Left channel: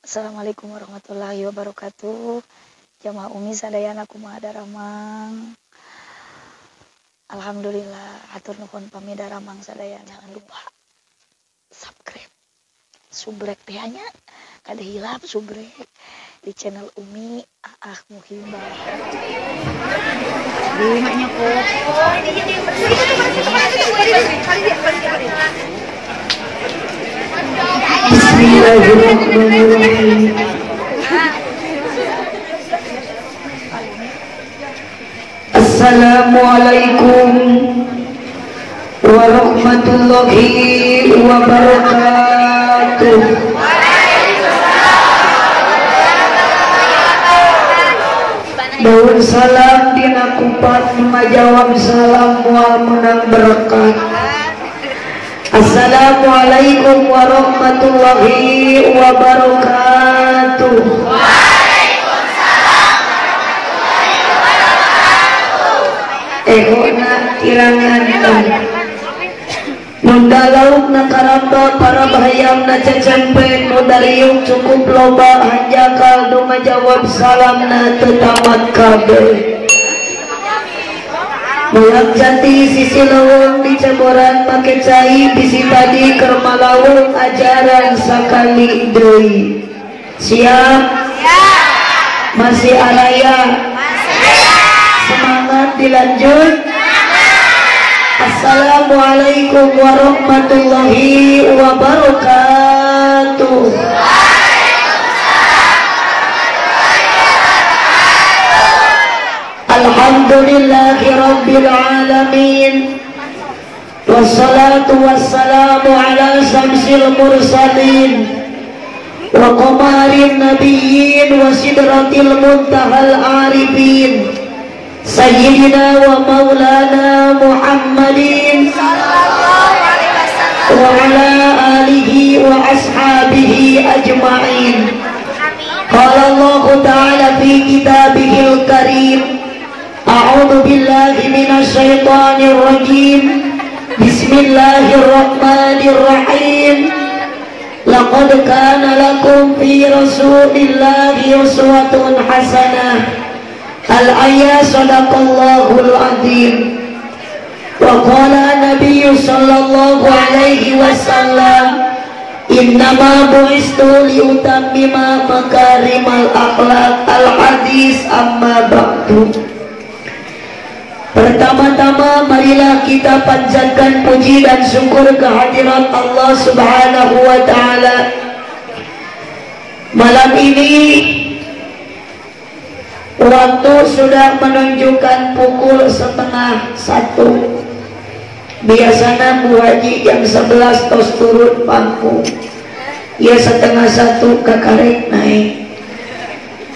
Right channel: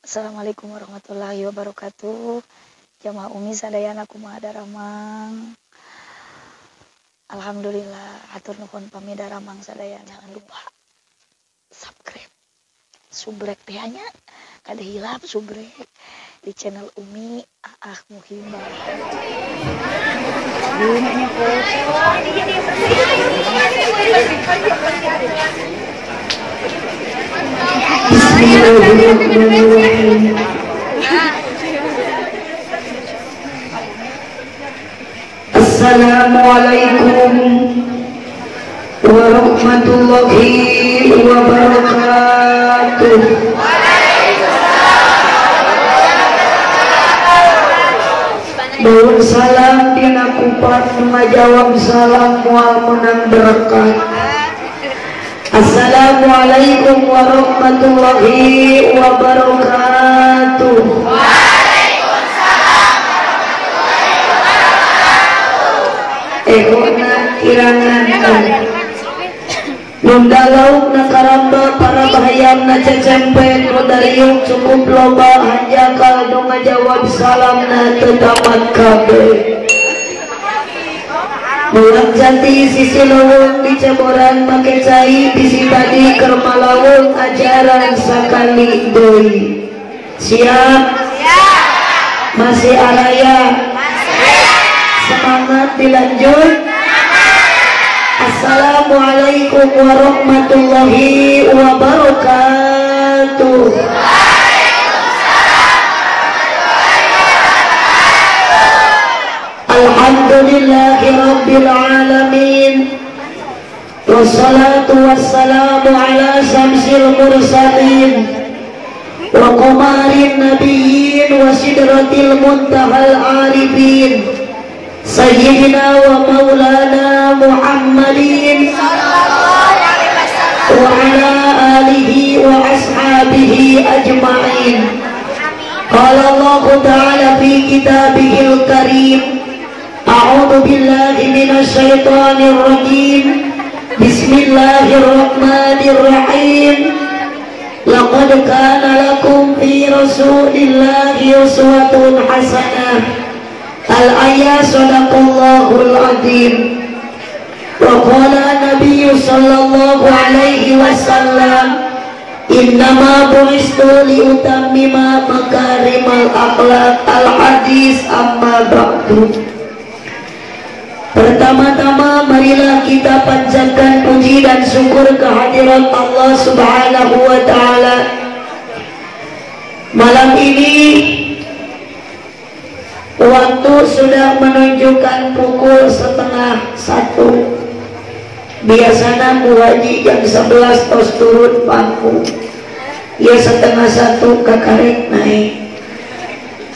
Assalamualaikum warahmatullahi wabarakatuh. Jamaah Umi sadayana kumaha daramang. Alhamdulillah, hatur nuhun pami daramang sadayana. Jangan lupa subscribe, subrek teh nya. Kada hilap subrek di channel Umi Aah Muhibah. Di maknya kok. Bismillahirrahmanirrahim. Assalamualaikum warahmatullahi wabarakatuh. Daun salam dina kupat ngajawab salam moal menang berkah. Assalamualaikum warahmatullahi wabarakatuh. Waalaikumsalam warahmatullahi wabarakatuh. Ehona kirangan Nundalauk na karamba para bahayam na cecempen Modariuk cukup loba hanjaka nu ngajawab salam na tetamat kabe. Mulang jati sisi lawang di Camoran make cai bisi tadi kermalawang ajaran sakali doi. Siap? Masih araya? Semangat dilanjut? Assalamualaikum warahmatullahi wabarakatuh. Alhamdulillahi rabbil alamin. Wassalatu wassalamu ala syamsil mursalin wa qamarin nabiyyin wa sidratil muntahal arifin Sayyidina wa maulana Muhammadin sallallahu alaihi wasallam wa ala alihi wa ashabihi ajma'in. Qala Allah ta'ala fi kitabihil karim. A'udzu billahi minasy syaithanir rajim. Bismillahirrahmanirrahim. Laqad kana lakum fi Rasulillahi uswatun hasanah. Al-ayat sadaqallahul azim. Wa qala Nabi sallallahu alaihi wasallam, innama bu'istu liutammima makarimal akhlaq. Al-hadis amma ba'du. Pertama-tama marilah kita panjatkan puji dan syukur kehadirat Allah Subhanahu wa taala. Malam ini waktu sudah menunjukkan pukul 12:30. Biasanya Bu Haji jam 11 tos turun pangku. Ya 12:30 kakarek naik.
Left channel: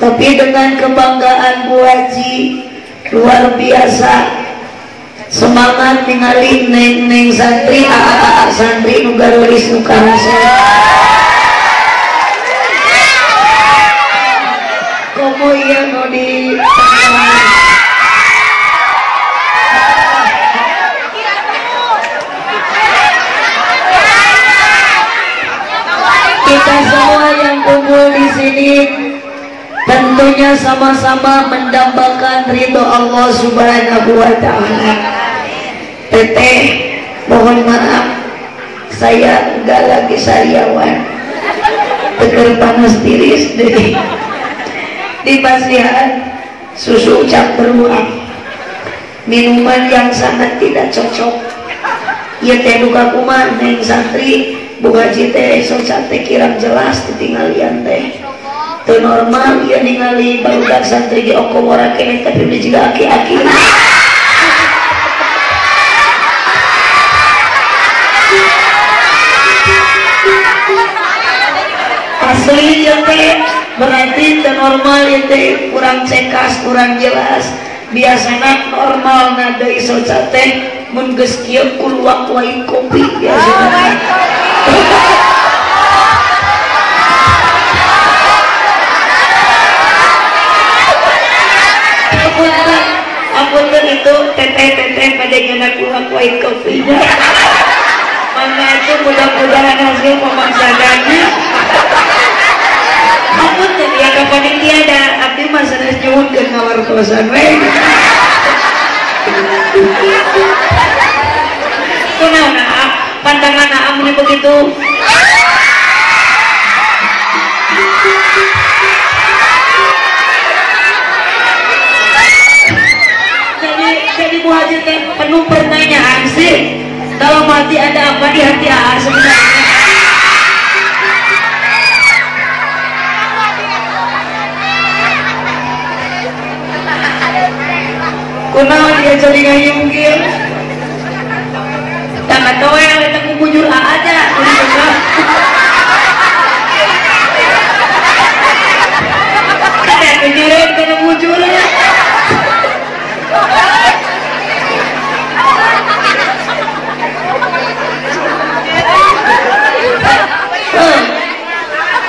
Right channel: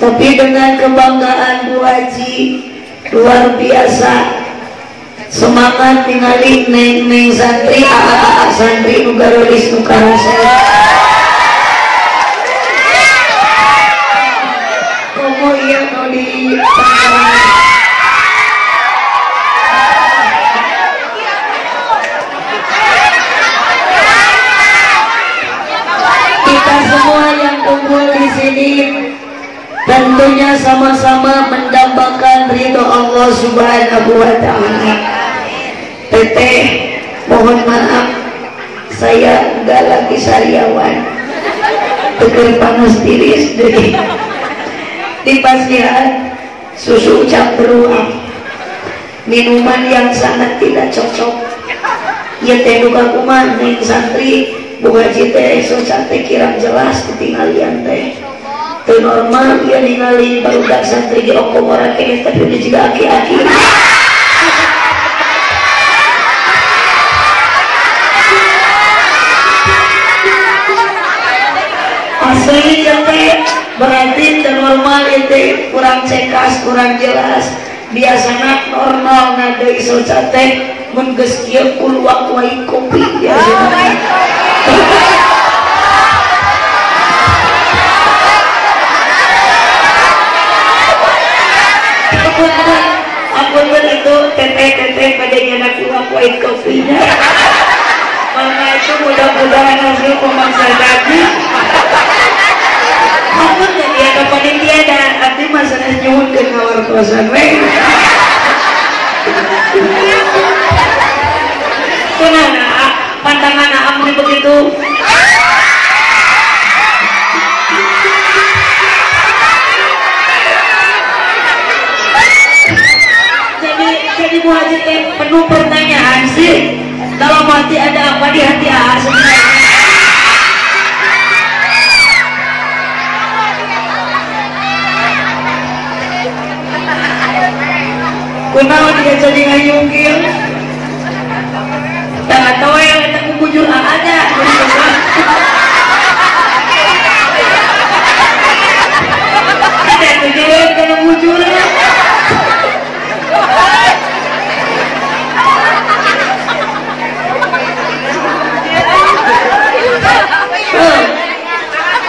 Tapi dengan kebanggaan Bu Haji luar biasa, semangat ningali neng santri santri nu garulis nu karasa. Komo ieu nu di kita semua yang kumpul di sini tentunya sama-sama mendambakan ridho Allah Subhanahu wa ta'ala. Teteh, mohon maaf, saya enggak lagi sariawan. Teker panas tiris deh. Di pasihan susu campur uang, minuman yang sangat tidak cocok. Ya teh duka kuman neng santri Bu Haji teh esok teh kirang jelas ketinggalian teh. Itu normal ya ningali barudak santri di okong orang kene tapi dia juga aki-aki. Asli ya teh berarti itu normal itu kurang cekas kurang jelas. Biasanya normal nada iso teh mun geus kieu kuluak wae kopi biasana. Aku kan itu teteh pada nyanak uang white coffee. Mama itu mudah-mudahan hasil pemasakannya kosan Kenapa pandangan Aam begitu? Jadi Bu Haji teh penuh pertanyaan sih. Kalau mati ada apa di hati Aa sebenarnya? Kenapa dia jadi ngayungkil? Jangan tahu yang ada kubujur aja. Ada yang kejerit kena bujur.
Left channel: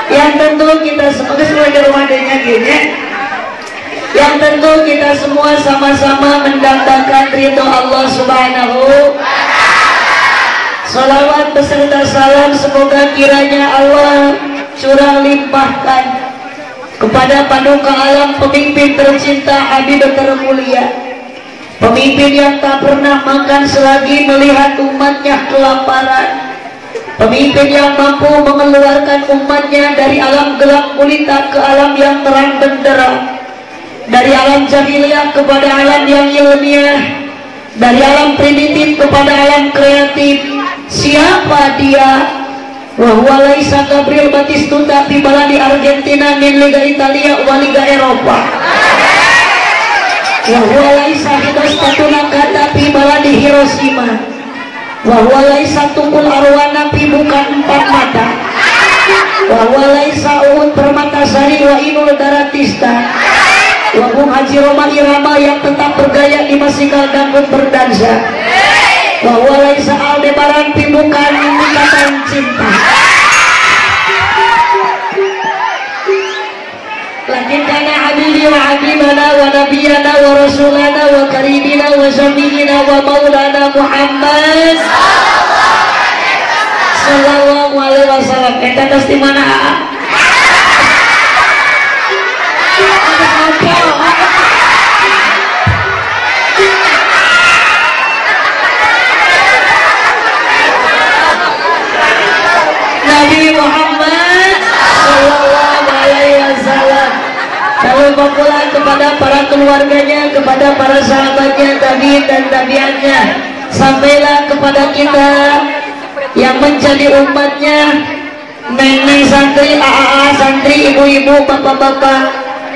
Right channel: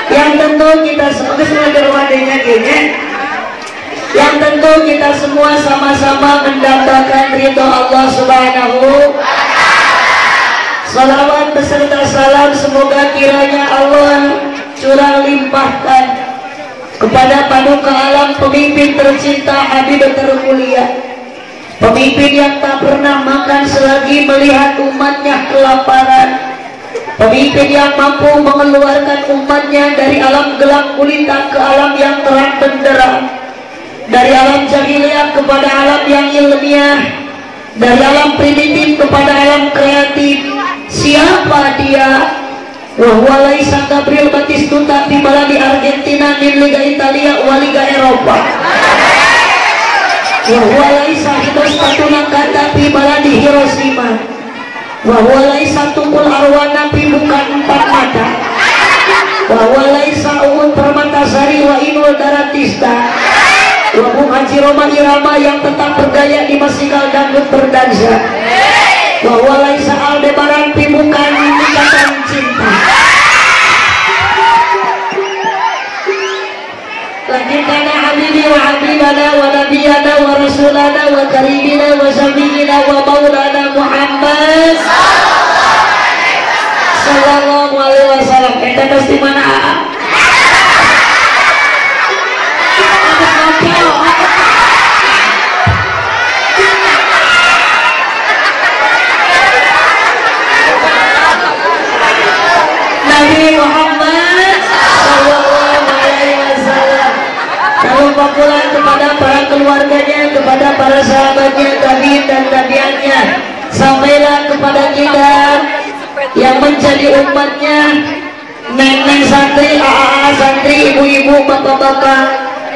Yang tentu kita sebagai wadahnya gini. Yang tentu kita semua sama-sama mendapatkan ridho Allah Subhanahu. Salawat beserta salam semoga kiranya Allah curah limpahkan kepada paduka alam pemimpin tercinta Habib termulia, pemimpin yang tak pernah makan selagi melihat umatnya kelaparan, pemimpin yang mampu mengeluarkan umatnya dari alam gelap gulita ke alam yang terang benderang, dari alam jahiliyah kepada alam yang ilmiah, dari alam primitif kepada alam kreatif. Siapa dia? Wahwa laisa Gabriel Batistuta tiba di Argentina min Liga Italia wa Liga Eropa. Wahwa laisa Hidrostatuna kata tiba di Hiroshima. Wahwa laisa Tungkul Arwana bukan empat mata. Wahwa laisa Uhud Permatasari wa Inul Daratista. Wahum Haji Roma Irama yang tetap berdaya di masikal dangdut berdansa. Wahwa laisa Aldebaran bukan ikatan cinta. Lanjutkannya Habibi wa Habibana wa Nabiyana wa Rasulana wa Karimina wa Zamina wa Maulana Muhammad sallallahu alaihi wasallam. Kita pasti mana Nabi Muhammad sallallahu alaihi wasallam. Salam pulang kepada para keluarganya, kepada para sahabatnya, tabi'in dan tabi'atnya, sampailah kepada kita yang menjadi umatnya, nenek santri, AA santri, ibu-ibu, bapak-bapak,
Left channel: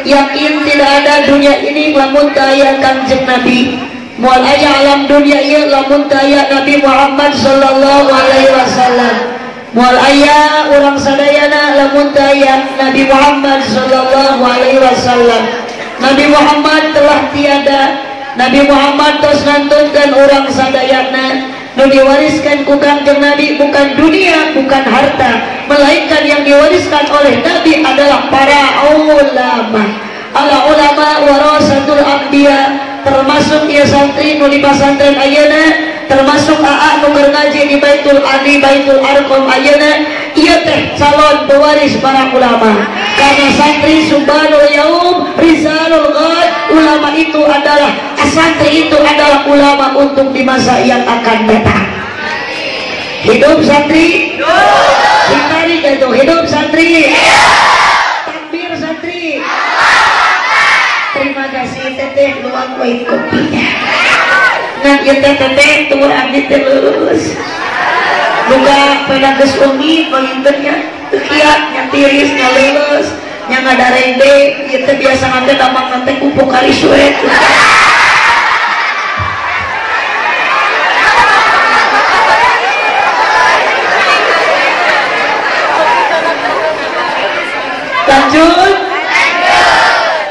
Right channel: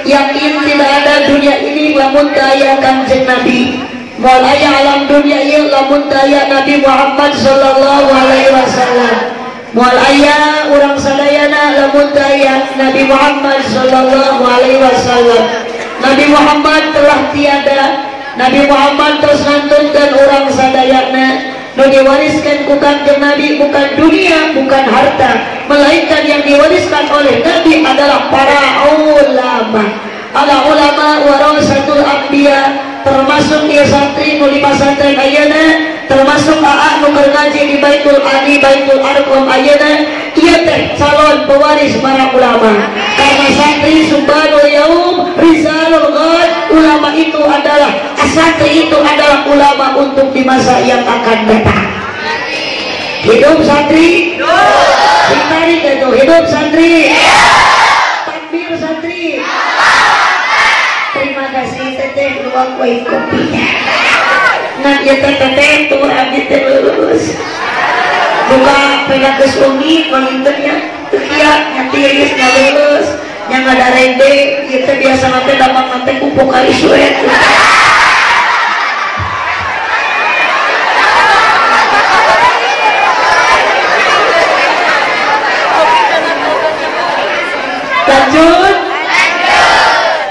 yakin tidak ada dunia ini lamun kaya Kanjeng Nabi. Mual aya alam dunia ieu lamun kaya Nabi Muhammad sallallahu alaihi wasallam. Mual aya urang sadayana lamun kaya Nabi Muhammad sallallahu alaihi wasallam. Nabi Muhammad telah tiada, Nabi Muhammad terus ngantunkeun urang sadayana. Nu diwariskan ku Kanjeng Nabi bukan dunia, bukan harta, melainkan yang diwariskan oleh Nabi adalah para ulama. Ala ulama warasatul anbiya, termasuk ieu santri nu di pasantren ayeuna, termasuk AA nu ngaji di Baitul Ali, Baitul Arqam ayeuna, ieu teh calon pewaris para ulama. Karena santri subhanul yaum rizalul ghad, ulama itu adalah santri itu adalah ulama untuk di masa yang akan datang. Hidup santri, hidup, hidup santri, takbir santri. Terima kasih teteh dua kue kopinya. Nah ya teteh tunggu abdi teh lulus. Buka pegang geus umi mangintennya tekiat nanti geus lulus nya ngadarende ieu teh biasa nanti gampang nanti kupu kali suet. Lanjut.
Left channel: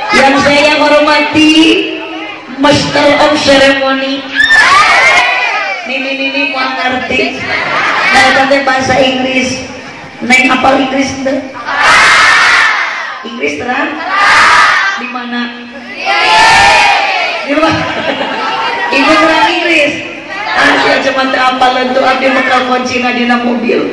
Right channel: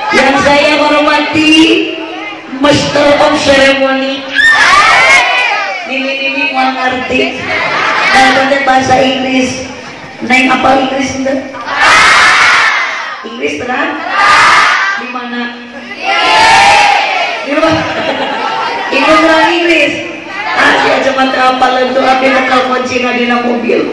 Yang saya hormati Master of Ceremony. Nini mau ngerti. Nah, tadi bahasa Inggris. Neng apa Inggris itu? Inggris terang? Di mana? Di mana? Itu kurang Inggris. Ah, dia cuma apa lentu api bakal kunci di mobil.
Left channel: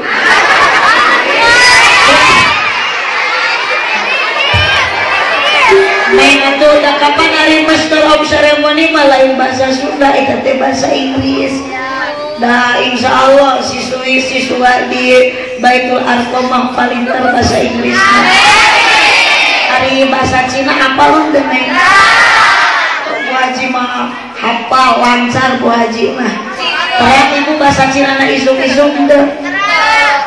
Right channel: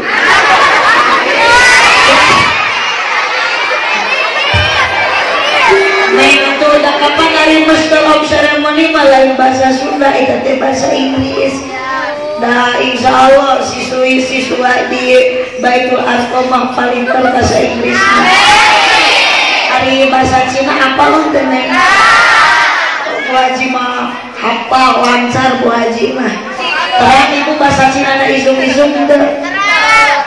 Neng atuh udah kapan hari master of ceremony mah lain bahasa Sunda eta teh bahasa Inggris. Nah insya Allah siswa di Baitul Arqam mah paling bahasa Inggris. Hari bahasa Cina apa lo Neng? Bu Haji mah hafal lancar Bu Haji mah. Terang ibu bahasa Cina na isuk-isuk teu.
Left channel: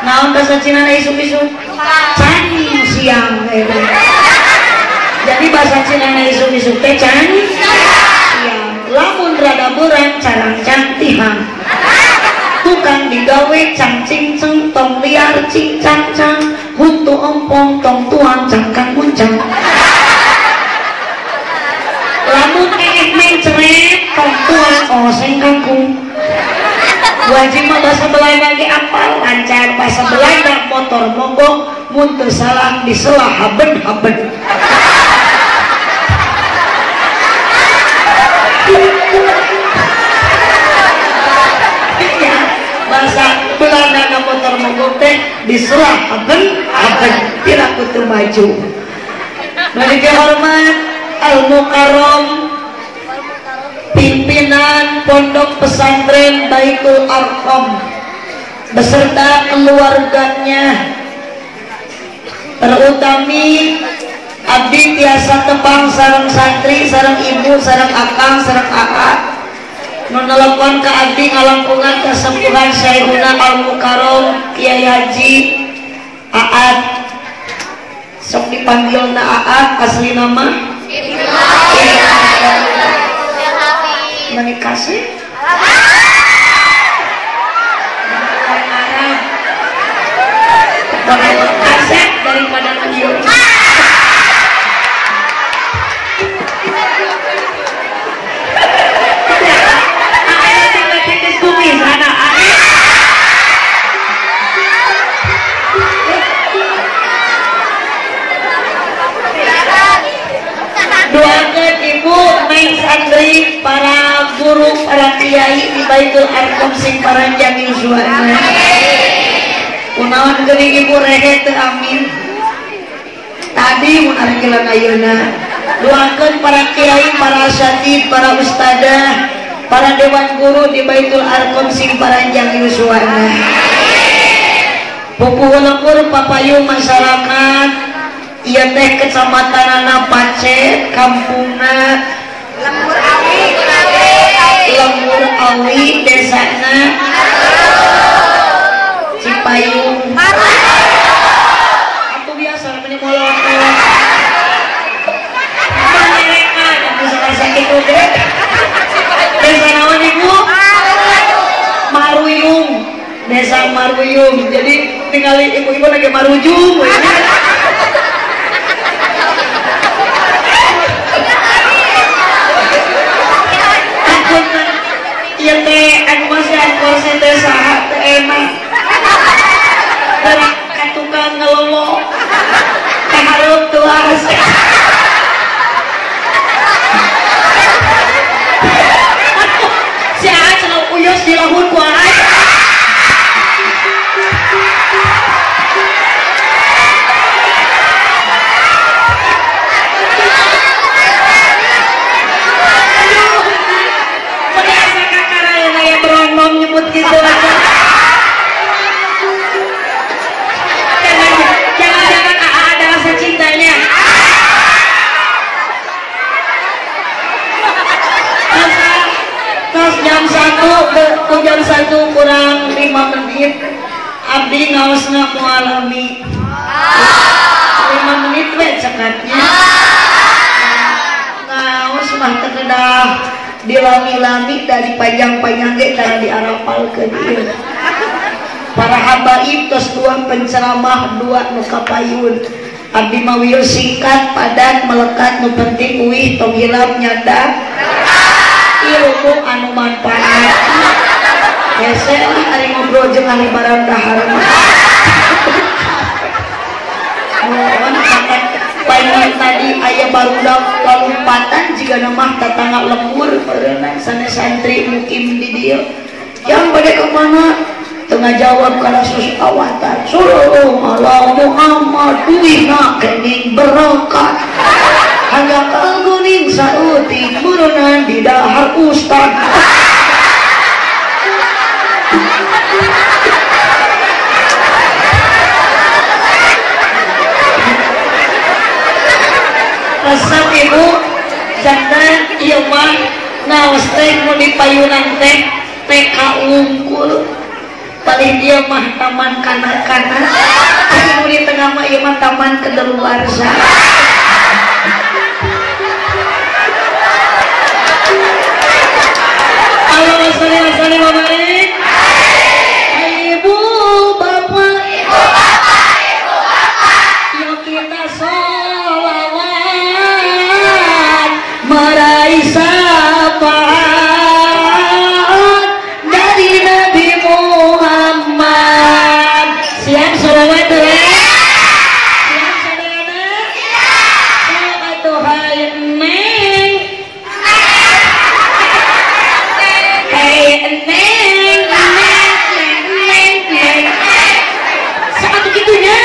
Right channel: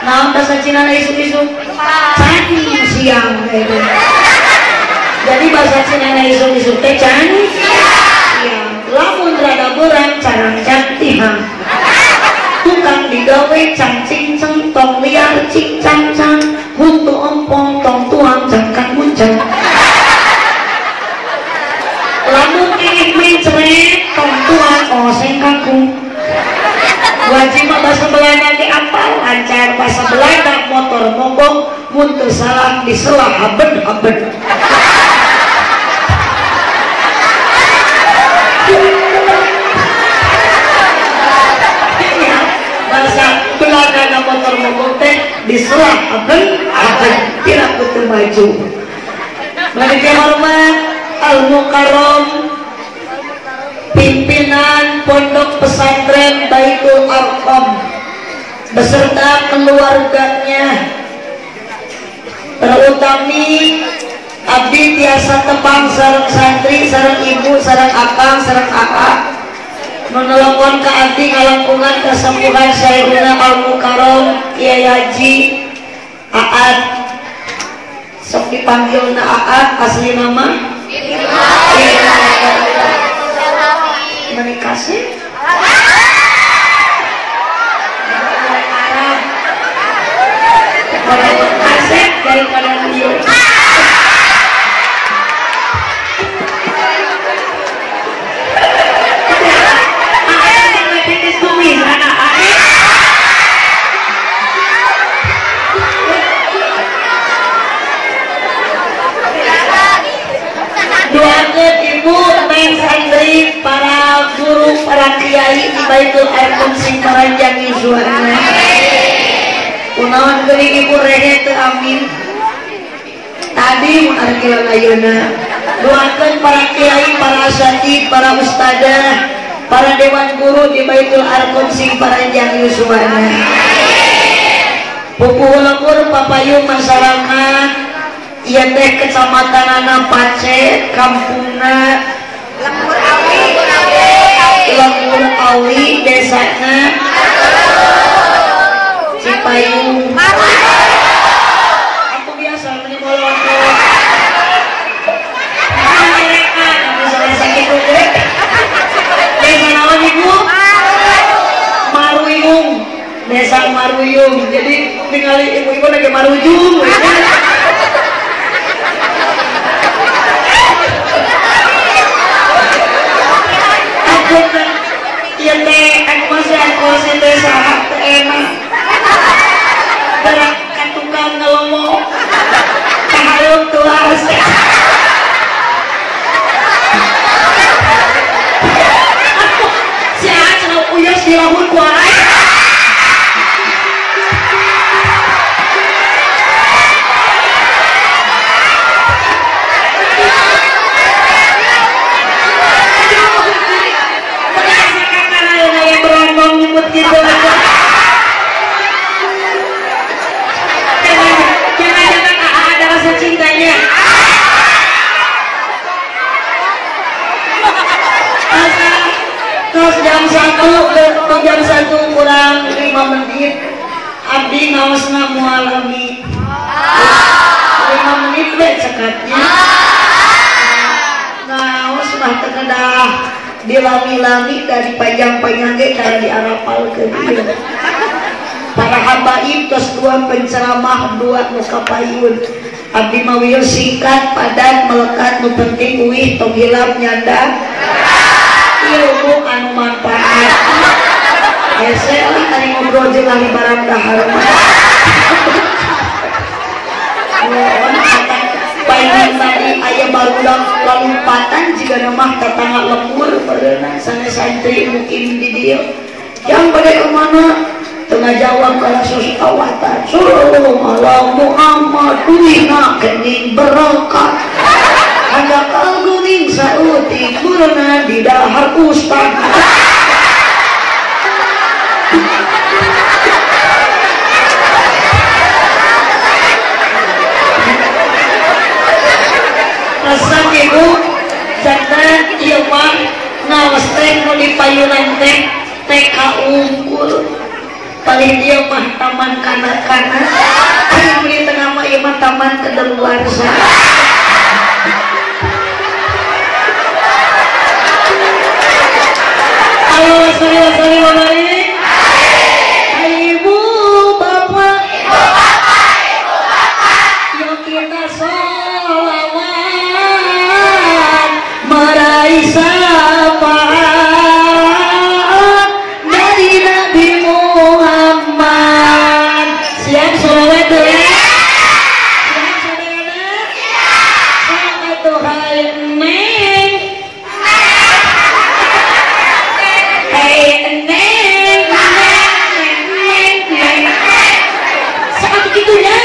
Naon bahasa Cina na isuk-isuk? Cani siang gitu. Jadi bahasa Cina na isuk-isuk teh cani siang. Lamun rada bulan carang cantihang. Tukang digawe cangcing ceng tong liar cing cang cang. Huntu ompong tong tuang cangkang muncang. Lamun main ceret tong tuang oseng kangkung. Wajib mah bahasa Belanda ge apal lancar bahasa Belanda motor mogok mun teu salah diselah haben. Ya, bahasa Belanda motor mogok teh diselah haben tidak betul maju. Bagi hormat Al-Mukarram pimpinan Pondok Pesantren Baitul Arqam beserta keluarganya, terutami abdi biasa tepang sareng santri, sareng ibu, sareng akang, sareng kakak nu nelpon ka abdi ngalangkungan kasampuhan Syekhuna Al-Mukarram Kiai Haji Aad, sok dipanggilna Aad asli nama menikah sih asep daripada video doakan ibu, neng santri, para guru, para kiai di Baitul Arqam sing karanjang yusuana. Kunaon geuning ibu rehe teu amin. Tadi mengargilan ayeuna. Doakan para kiai, para asatid, para ustadzah, para dewan guru di Baitul Arqam sing karanjang yusuana. Pupuh-pupuh papayung masyarakat. Iya teh kecamatan Pace, kampungna Lembur Awi, desana Cipayung. Aku biasa ini kalau desa naon ibu? Maruyung, desa Maruyung. Jadi tinggali ibu-ibu lagi marujung. Iya teh, aku masih aku sampai saat enak. Dan tukang ngelolo, kalau tuh harus. Si Aceh uyos di lamun kuai. Gitu aja. Jangan-jangan ada rasa cintanya. Pas jam 1 kurang 5 menit abdi ngaosna moal lagi 5 menit teh cekatnya ngaos mah teu kedah diwangi-wangi dari panjang-panjang ge cara diarapal ke dia. Para habaib tos dua penceramah dua nu kapayun. Abdi mawiyo singkat padat melekat nu penting uih tong hilap nyanda ilmu anu manfaat. Ya saya ari ngobrol jeung ahli barang dahar. Paling tadi ayah barudak lompatan jika nama tetangga lembur pada sana santri mukim di dia yang pada kemana tengah jawab kalau susawatan Sallallahu Muhammad duina kening berangkat hanya mah ngaos teh mau dipayunan teh TK unggul kali dia mah taman kanak-kanak mau di tengah mah ieu mah taman kedaluarsa. Halo sari baik. Ibu bapak yuk kita sholawat meraih syafaat dari Nabi Muhammad. Siap sholawat dulu ya? Siap sholawat? Siap atuh hai neng. Hai neng. Siapa tuh gitu ya?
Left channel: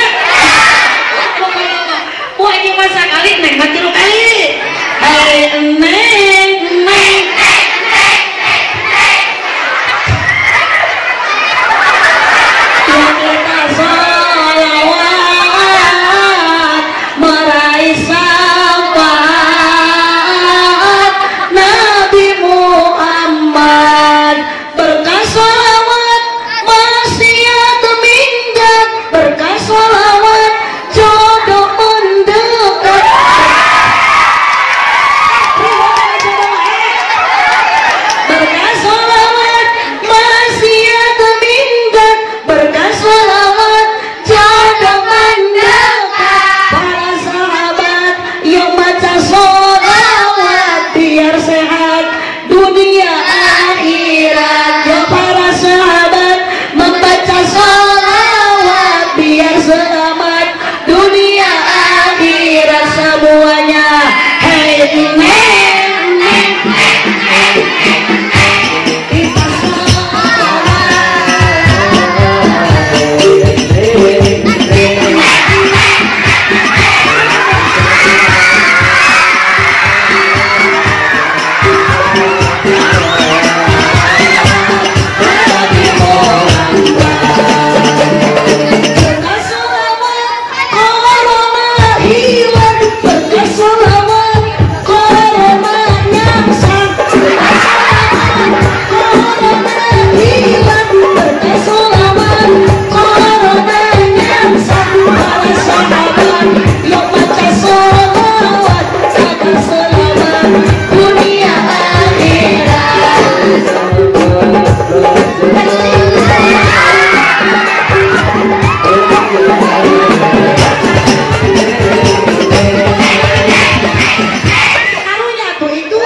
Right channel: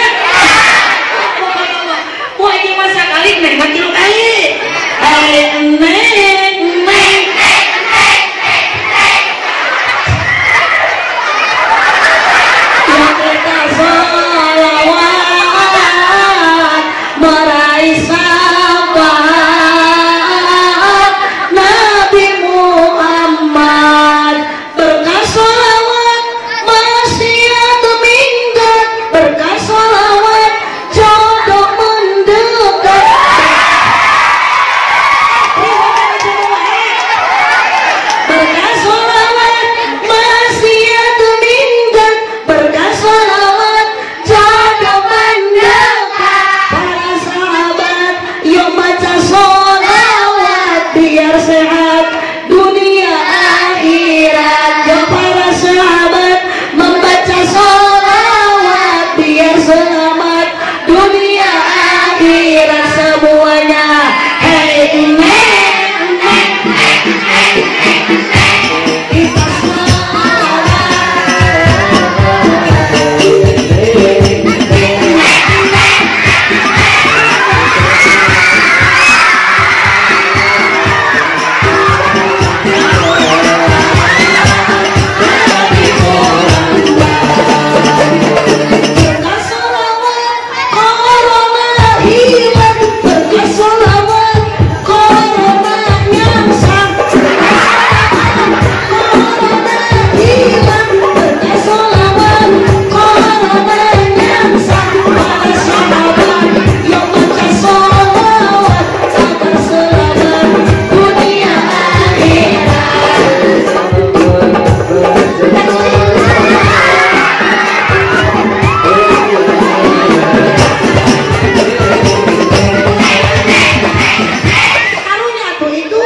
Wah aja masa kali neng mati lu kali. Hai neng. Ya kita sholawat meraih syafaat Nabi Muhammad. Berkah sholawat maksiat minggat, berkah sholawat jodoh mendekat. Berkah sholawat maksiat minggat, berkah sholawat jodoh mendekat. Para sahabat yuk baca sholawat biar sehat dunia akhirat. Ya para sahabat membaca sholawat biar selamat dunia akhirat semuanya. Hey kita berkah sholawat corona hilang, berkah sholawat corona nyamsak. Corona hilang, berkah sholawat corona nyamsak. Para sahabat yuk baca sholawat agar selamat dunia akhirat. Karunya tuh itu.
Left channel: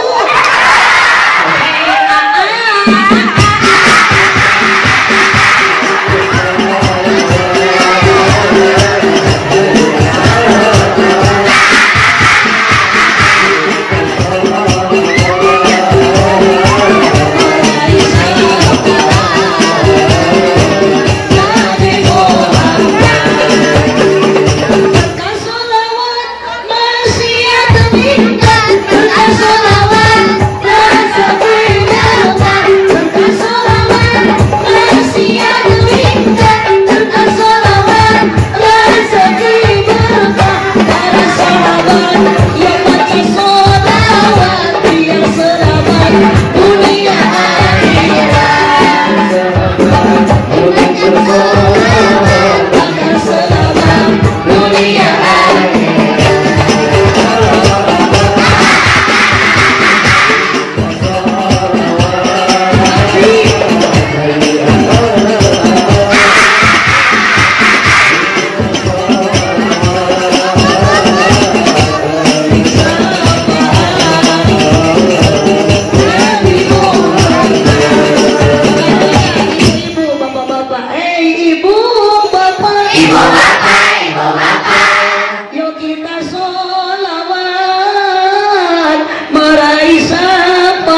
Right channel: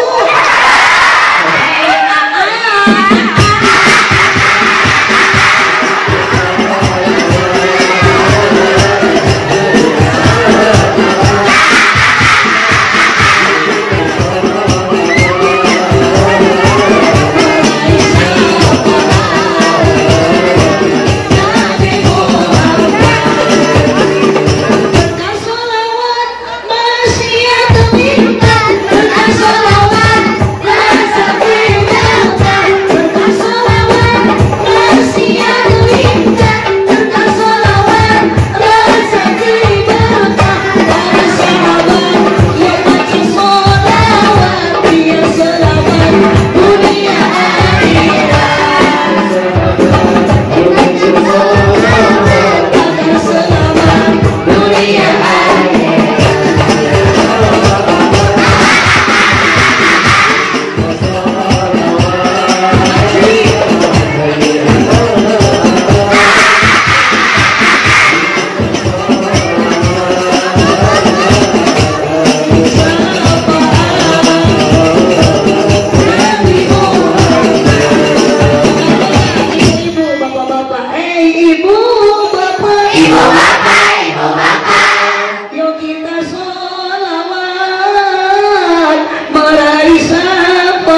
Berkah sholawat maksiat minggat, berkah sholawat rasa minggat. Berkah sholawat maksiat minggat, berkah sholawat rasa minggat. Para sahabat yang baca sholawat biar selamat dunia akhirat. Agar selamat dunia Ibu bapak-bapak, ibu bapak, yuk kita sholawat meraih syafaat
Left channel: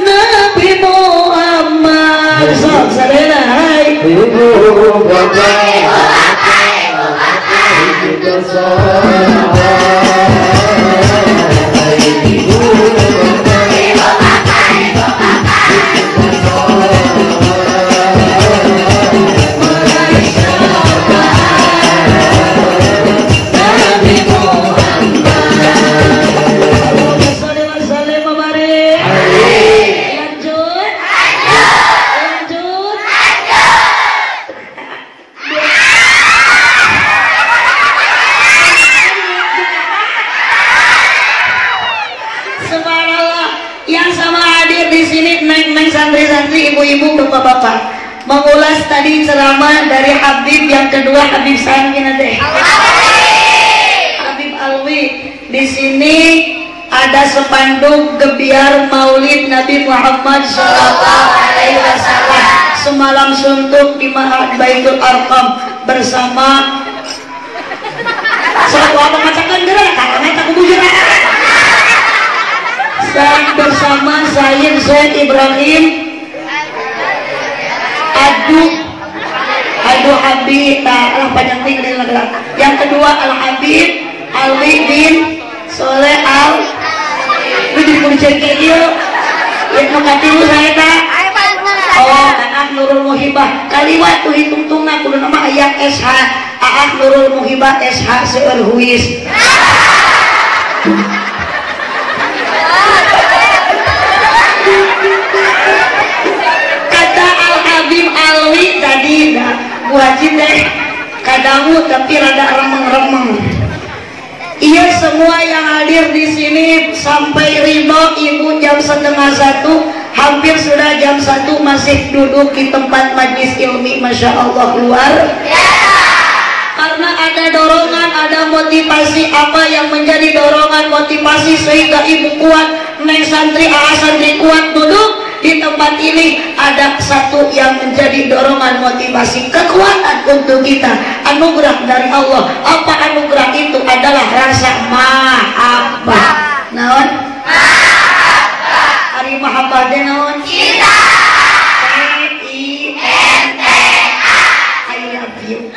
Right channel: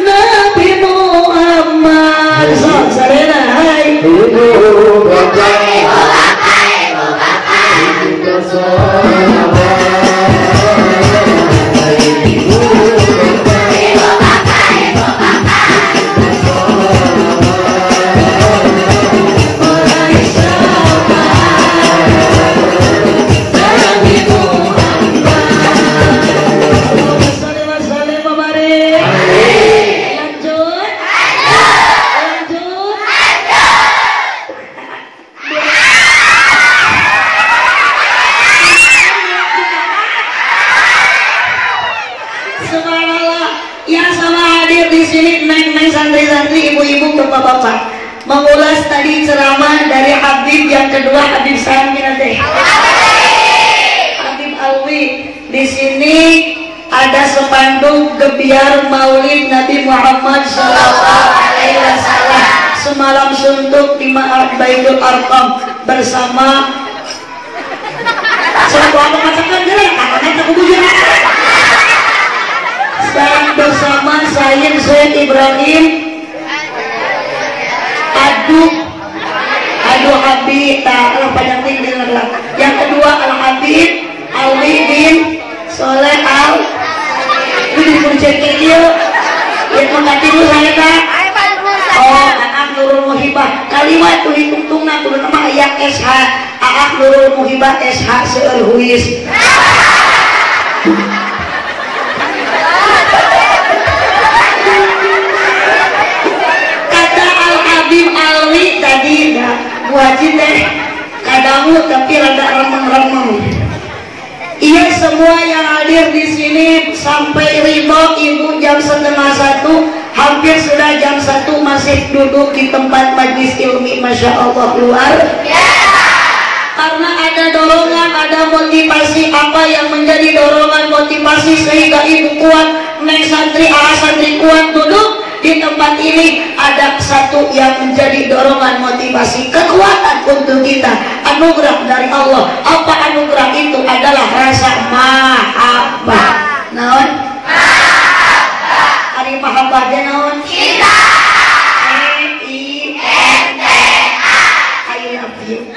Nabi Muhammad. Sarena hai. pisan kina teh. Habib Alwi, di sini ada spanduk gebiar Maulid Nabi Muhammad SAW. Semalam suntuk di Ma'ad Baitul Arqam bersama selalu apa katakan gerak kakaknya tak bujur sekarang bersama Sayyid Zaid Ibrahim aduh Habib tak panjang tinggi dengarlah. Yang kedua Al Habib Alwi bin Soleh Al ini dipuncak dia yang mengerti dulu saya tak oh anak Nurul Muhibah kalimat tuh hitung tuna tuh nama ayat SH anak Nurul Muhibah SH seueur huis kata Al Habib Alwi tadi wajib deh kadamu tapi rada remeng-remeng. Iya semua yang hadir di sini sampai ridho ibu jam 12:30 hampir sudah jam 1 masih duduk di tempat majlis ilmi, masya Allah luar karena ada dorongan, ada motivasi. Apa yang menjadi dorongan motivasi sehingga ibu kuat naik santri, santri kuat duduk di tempat ini? Ada satu yang menjadi dorongan motivasi kekuatan untuk kita, anugerah dari Allah. Apa anugerah itu? Adalah rasa mahabbah. Naon? Mahabbah. Ari mahabbah teh naon? Cinta. M-I-N-T-A. I love you.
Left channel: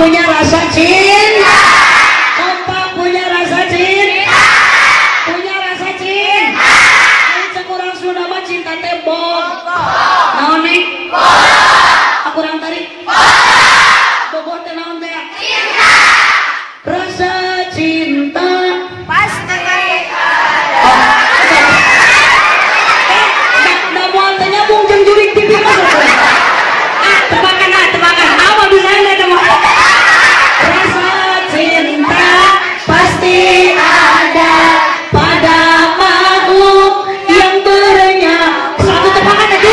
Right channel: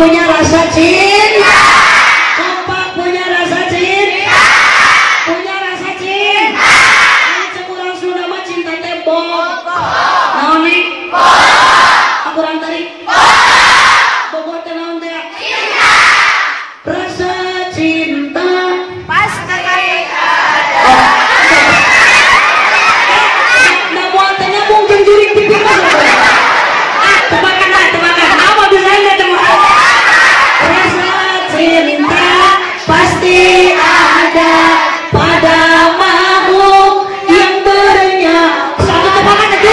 Punya rasa cinta. Kompak punya rasa cinta. Punya rasa cinta. Ini kurang sudah mah cinta teh bom. Naon nih? Bom. Kurang tadi? Bom. Bobot teh naon teh? Cinta. Rasa cinta pasti ada. Nah moal teh nyambung jeung juring pipi. Tebakan. Apa bisa anda tebakan? Rasa cinta pasti ada pada makhluk yang bernyawa. Satu tebakan aja.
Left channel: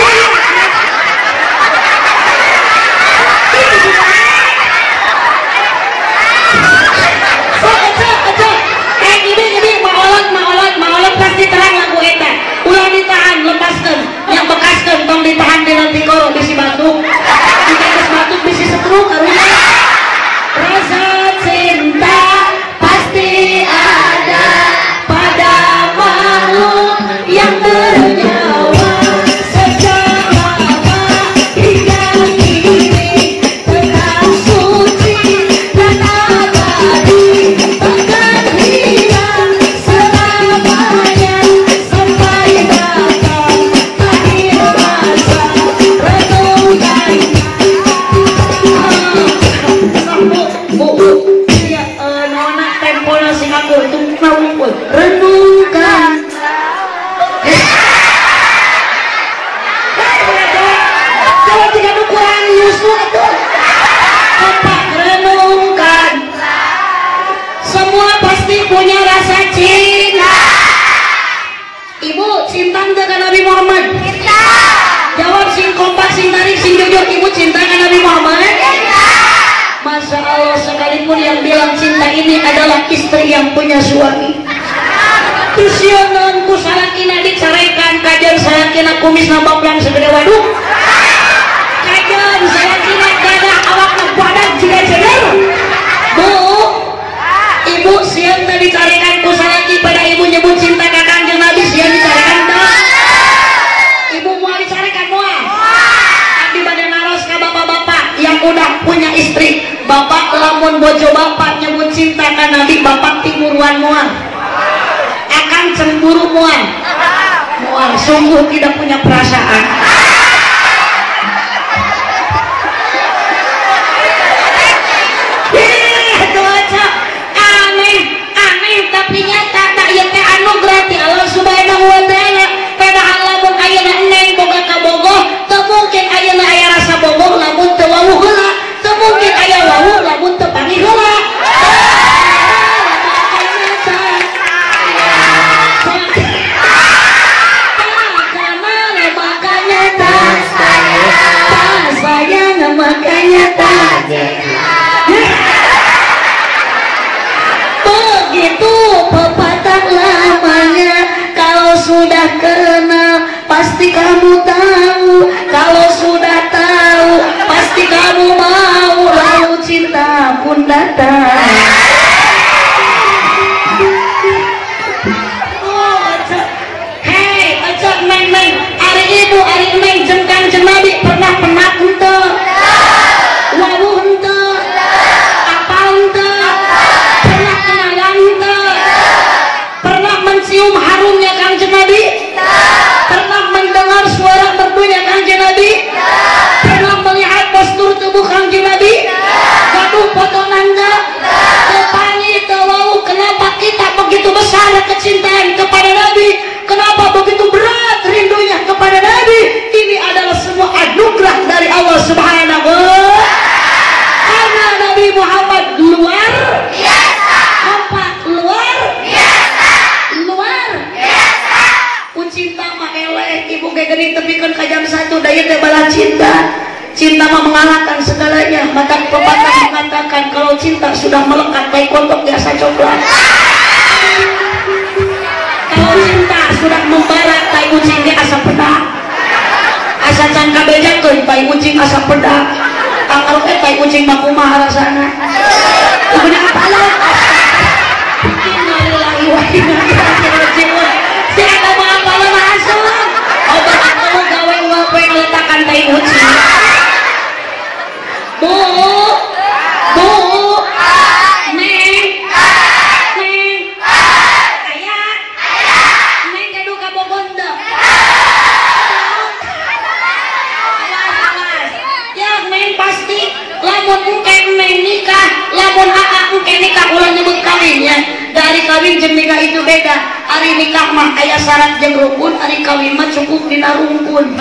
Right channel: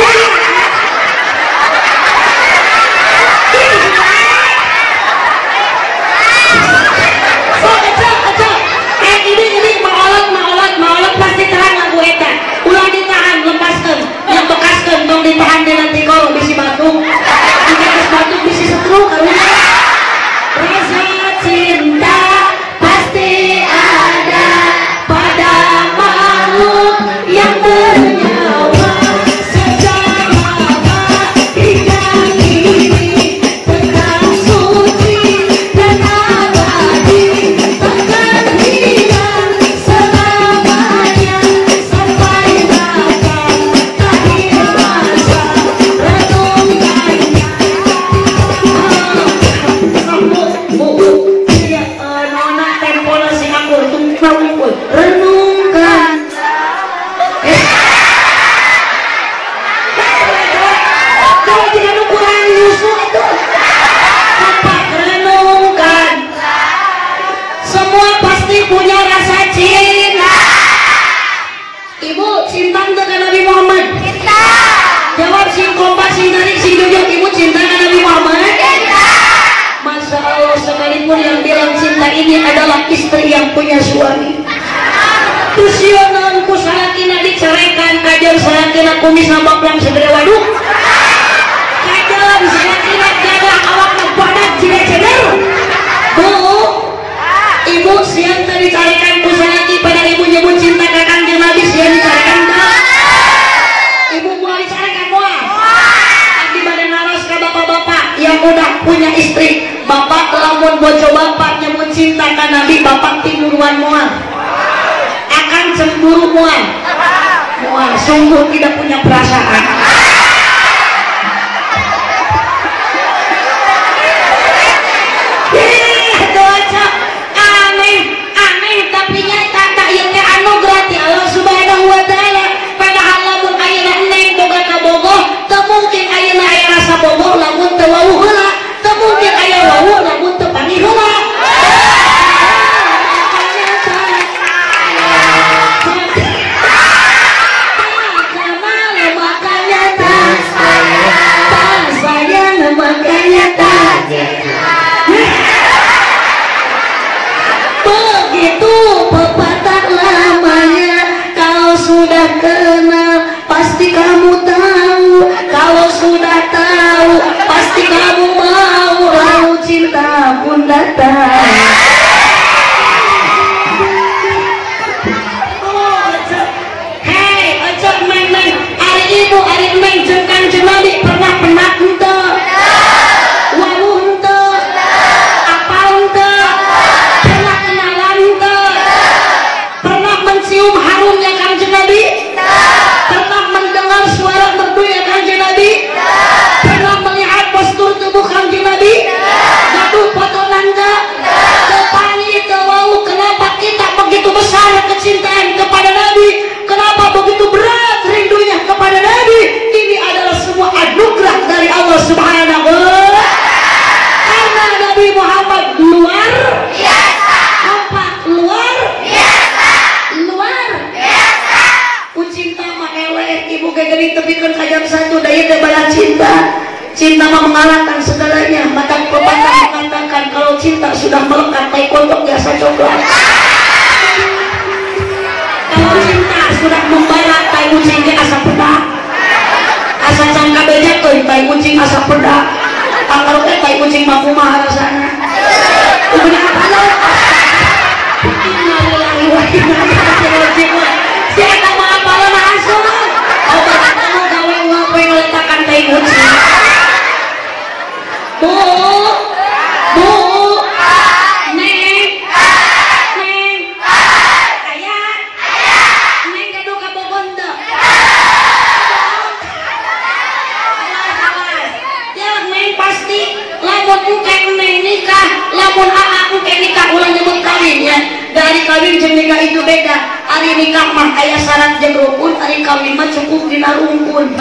Ini maolot pasti terang lagu eta. Ulah ditahan, lepaskan. Yang bekaskan tong ditahan di nanti kau bisi batuk. Jika batuk bisi setruk karunya. Rasa cinta pasti ada pada makhluk yang bernyawa sejak lama hingga kini tetap suci dan abadi akan hilang selamanya sampai datang akhir masa renungkan. Nona tempola Singapura tunggu renungkan. Kalau tidak kurang Yusuf itu tetap renungkan. Semua pasti punya rasa cinta. Ibu cinta dengan Nabi Muhammad? Cinta. Jawab sing kompak, sing tarik, sing jujur. Ibu cinta dengan Nabi Muhammad? Cinta. Masya Allah, sekalipun yang bilang cinta ini adalah istri yang punya suami. Tusionan ku salakina diceraikan, kajian salakina kumis nambak yang segera waduh. Kajian salakina gadah awak badan tidak cedar. Bu, ibu siang tadi dicarikan ku salaki pada ibu nyebut cinta kakang jeung Nabi siang dicarikan dah. Ibu mau dicarikan mual. Abdi bade naros ka bapak-bapak yang udah punya istri. Bapak lamun bojo bapak nyebut cinta ka Nabi, bapak timuruan mual. Akan cemburu mual. Mual sungguh tidak punya perasaan. datang. Hei, aja neng, hari ibu, hari neng, jengkang jenabi pernah ente, walu ente, apa ente, pernah kenalan ente, pernah mencium harumnya kanjeng Nabi, pernah mendengar suara merdunya kanjeng Nabi, pernah melihat postur tubuh kanjeng Nabi, gaduh foto nanda, tepani terlalu. Kenapa kita begitu besar kecintaan kepada Nabi? Kenapa begitu berat rindunya kepada Nabi? Ini adalah semua anugerah dari Allah Subhanahu wa Ta'ala. Karena Nabi Muhammad luar biasa. Apa? Luar biasa. Luar biasa. Cinta mah eleh, ibu kayak gini tepikan kajam satu daya teh balas cinta. Cinta mah mengalahkan segalanya. Mata pepatah mengatakan kalau cinta sudah melekat kayak kontok biasa coklat. Kalau cinta sudah membara kayak kucingnya asap pedak. Asa cangka bejak tuh kayak kucing asap pedak. Kalau kayak kucing makumah rasanya. Udah apa lo? Innalillahi wa inna ilaihi raji'un. Saya mau apa lo masuk? Obat kamu gawe ngopeng letakkan kayak kucing. Bu, bu, neng, ayah, neng kado kabogondo. Ya neng pasti, lamun bukan neng nikah, lamun aku kayak nikah ulang nyebut kawinnya. Dari kawin jeung nikah itu beda. Hari nikah mah aya syarat jeung rukun, hari kawin mah cukup dina rungkun.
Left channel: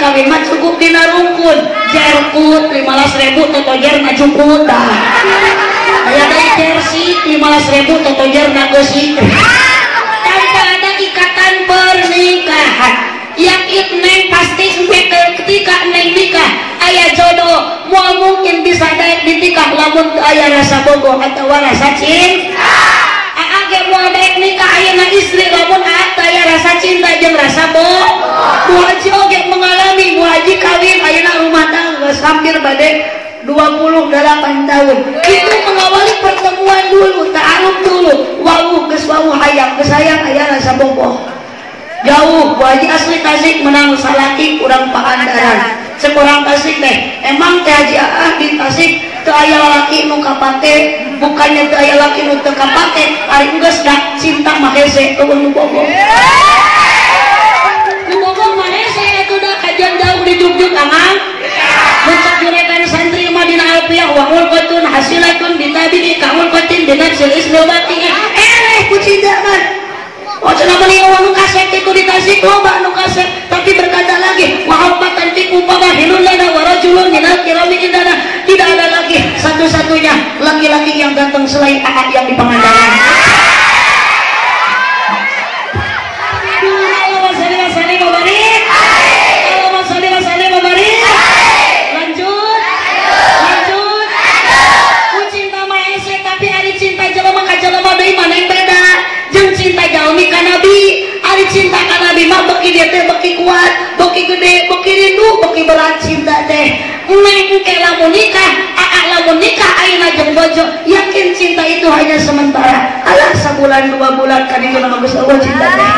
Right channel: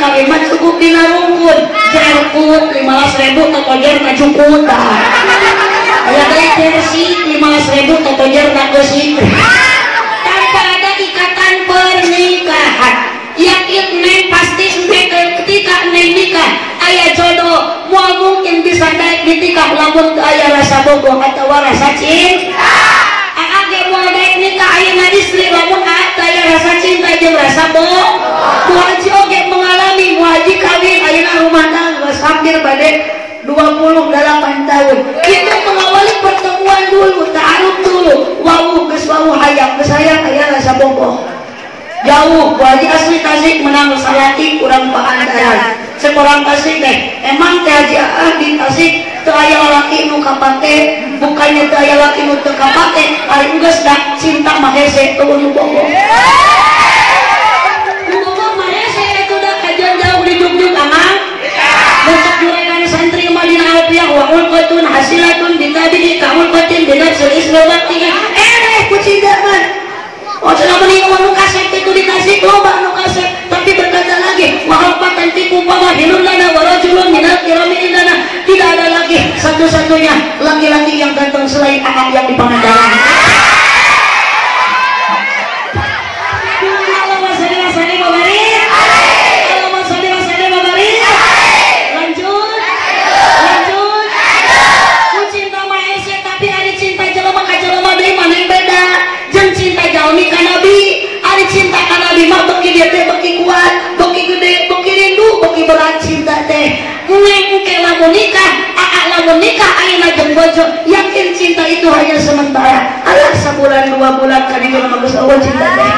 Kawin mah cukup dina rungkun jerkut 15.000 totojer ngajukut aya teh jersey 15.000 totojer ngagosip tanpa ada ikatan pernikahan yakin neng pasti ketika neng nikah aya jodoh moal mungkin bisa daek ditikah lamun aya rasa bogoh atau rasa cinta age moal daek nikah ayeuna istri lamun aya rasa cinta jeung rasa bogoh muhaji oge mengalami muhaji kawin ayeuna rumah tangga hampir bade 28 tahun itu mengawali pertemuan dulu ta'aruf dulu wau geus wau hayang geus hayang aya rasa bogoh jauh muhaji asli Tasik menang salaki kurang pangandaran sekurang Tasik deh emang teh haji di Tasik teu aya lalaki nu kapake bukannya teu aya lalaki nu teu kapake ari geus dah cinta mah hese teu bogoh dijuk-juk amang besok jurekan santri madinah alfiyah wa ulqatun hasilatun bitabi'i ka'ulqatin binafsil ismewatinya kucidakan wacana beli uang kaset itu dikasih loba nu kaset tapi berkata lagi wa'alqatan tiku pamahilun lana warajulun minal kirami indana tidak ada lagi satu-satunya laki-laki yang ganteng selain Ahad yang di Pangandaran. Cinta ka Nabi mah beki dia teh beki kuat, beki gede, beki rindu, beki berat cinta teh. Neng ke lamun nikah, lamun nikah ayeuna jeung bojo, yakin cinta itu hanya sementara. Alah sebulan 2 bulan kan ieu mah geus eueuh cinta teh.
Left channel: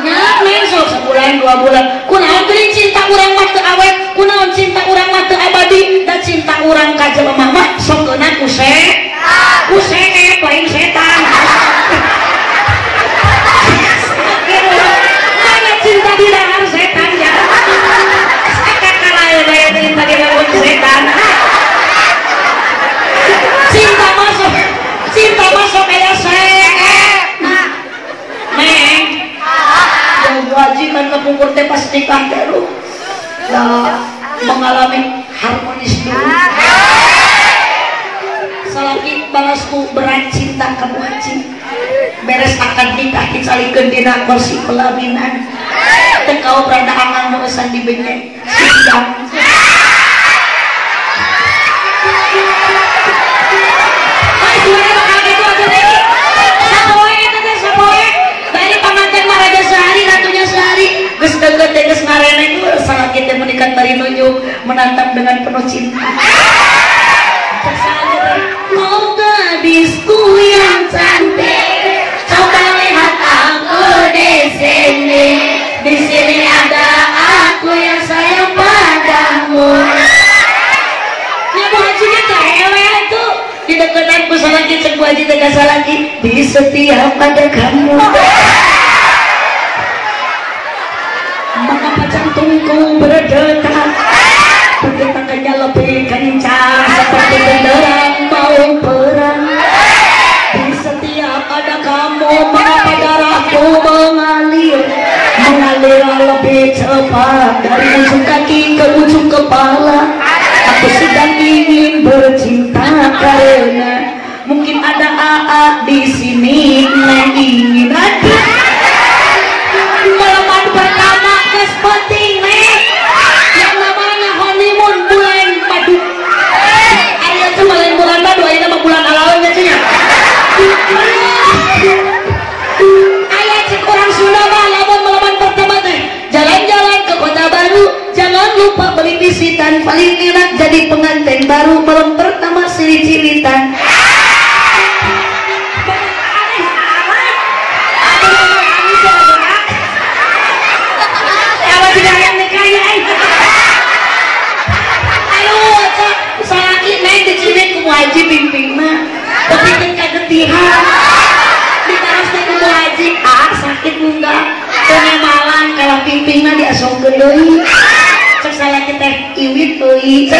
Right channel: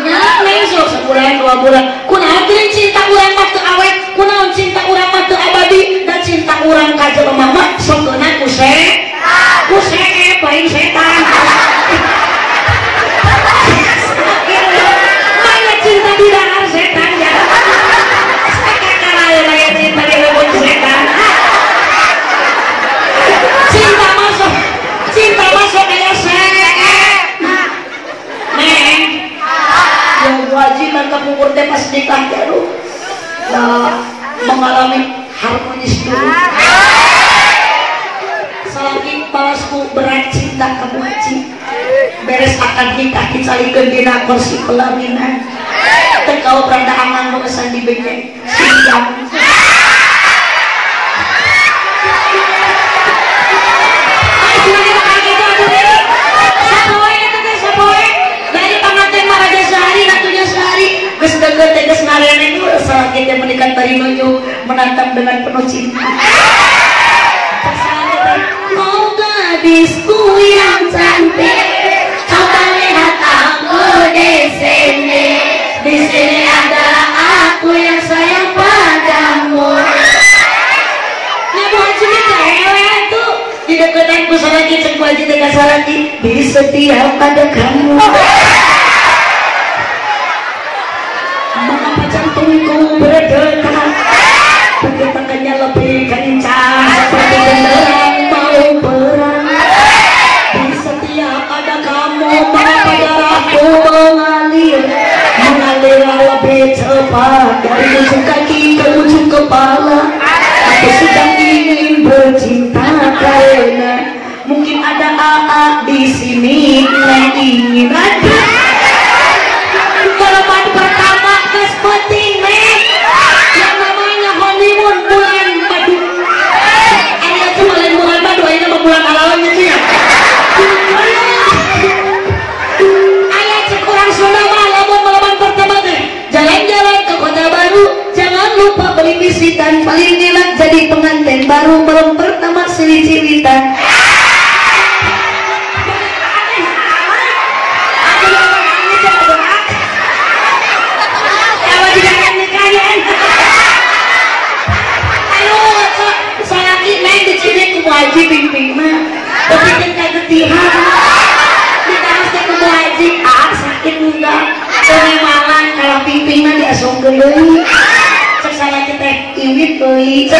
Nya neng sok sebulan 2 bulan. Kunaon teh cinta urang mah teu awet, kunaon cinta urang mah teu abadi, da cinta urang ka jelema mah sok geuna kuse paling setan. Cinta tidak harus setan ya. Kakak cinta dengan setan. Cinta masuk kayak saya. Neng, yang wajiban kepungkur teh pas nikah dulu. Mengalami harmonis dulu. Selagi balasku berat cinta kamu haji. Beres akan nikah dicalikeun dina kursi pelaminan. Teh kau berada aman nulisan di bengkel siang. Dari menatap dengan penuh cinta. Oh gadisku yang cantik, coba lihat aku di sini. Di sini ada aku yang sayang padamu. Ibu Haji ini cewek itu di dekat aku salaki, cek Haji dekat salaki. Di setiap ada kamu. Mengapa jantungku berdetak? Berdetaknya lebih kencang seperti genderang mau perang. Di setiap ada kamu, mengapa darahku mengalir lebih cepat dari ujung kaki ke ujung kepala. Aku sedang ingin bercinta karena mungkin ada AA di sini yang ingin ada. Malam pertama kes penting yang namanya honeymoon bulan madu. Ayo tuh bulan madu, ini nama bulan alawanya sih ya. Ayah cek orang Sunda jalan-jalan ke Kota Baru, jangan lupa beli visitan, paling enak jadi pengantin baru belum pertama cilit-cilitan. Kalau tidak nikahnya, ayo selagi naik di sini ke Haji pimpin mah, tapi kita ketihan, kita harus ke Haji, sakit enggak? Soalnya kalau pimpinnya diasong gelui cek saya kita iwit tui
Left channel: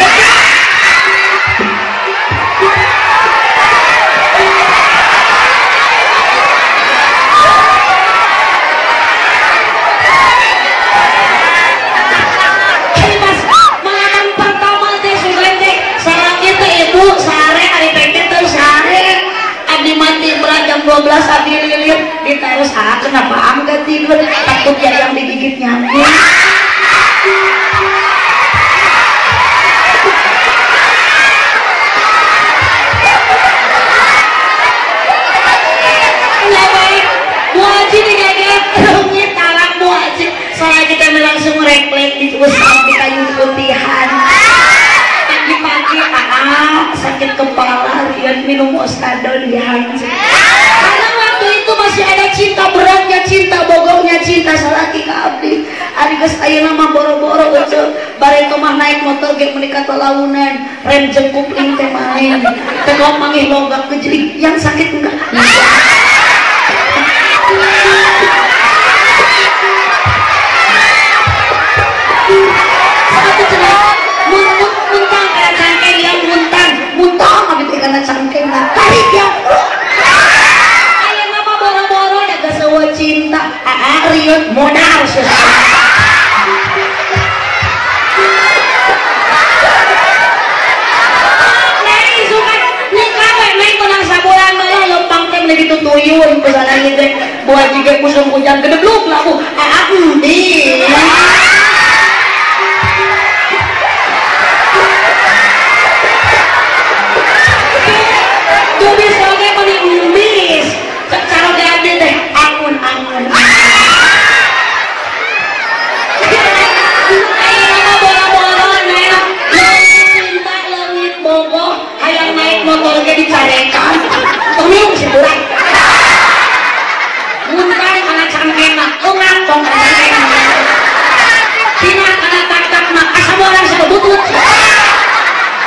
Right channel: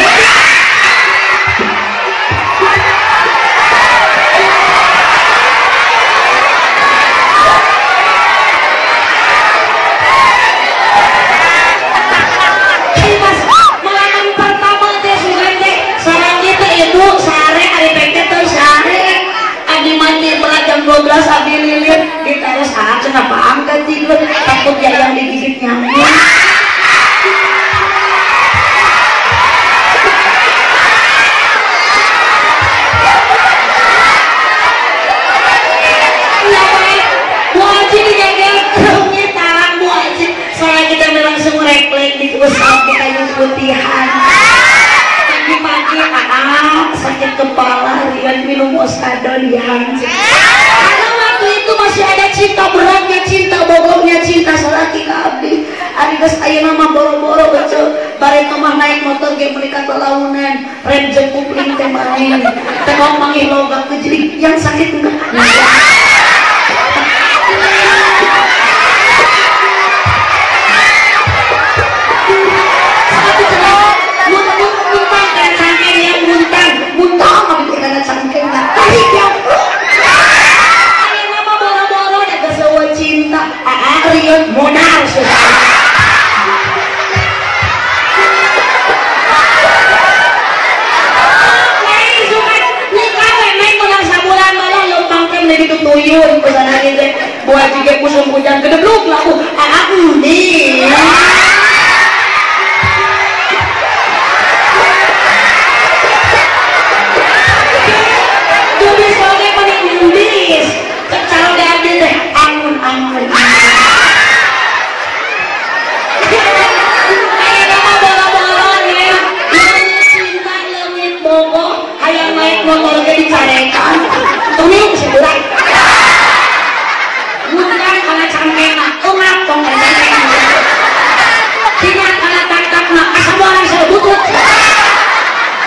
malam pertama dia sudah sarang kita ibu sehari hari peket terus sehari adi mati telah jam 12 abi lilir ditaruh saat kenapa angkat tidur takut jalan digigit nyamuk. Bu Haji dijaga kerumnya talak Bu Haji soalnya kita langsung reklek di usap di kayu putihan. Pagi-pagi sakit kepala rian minum Osado dihan. Karena waktu itu masih ada cinta beratnya, cinta bogornya, cinta selaki ke abdi. Ari geus aya nama boro-boro beuceul bare kamar naik motor ge mereka kelaunan rem jengkuk ling teh main teh mau manggih logat jadi yang sakit enggak. Satu cerita muntang kayak cangkeng yang muntang tapi karena cangkeng tapi dia aya nama boro-boro da geus cinta riut modal gitu tuyul pesanan itu buat juga musim hujan kedebluk lah aku nih tulis soalnya paling nulis kalau ganti deh angun cinta langit bobo hayang naik motor ke dicarekan ini bisa berat bukan karena cangkengan umat dong karena cangkengan tidak karena tak mak asal orang saya butut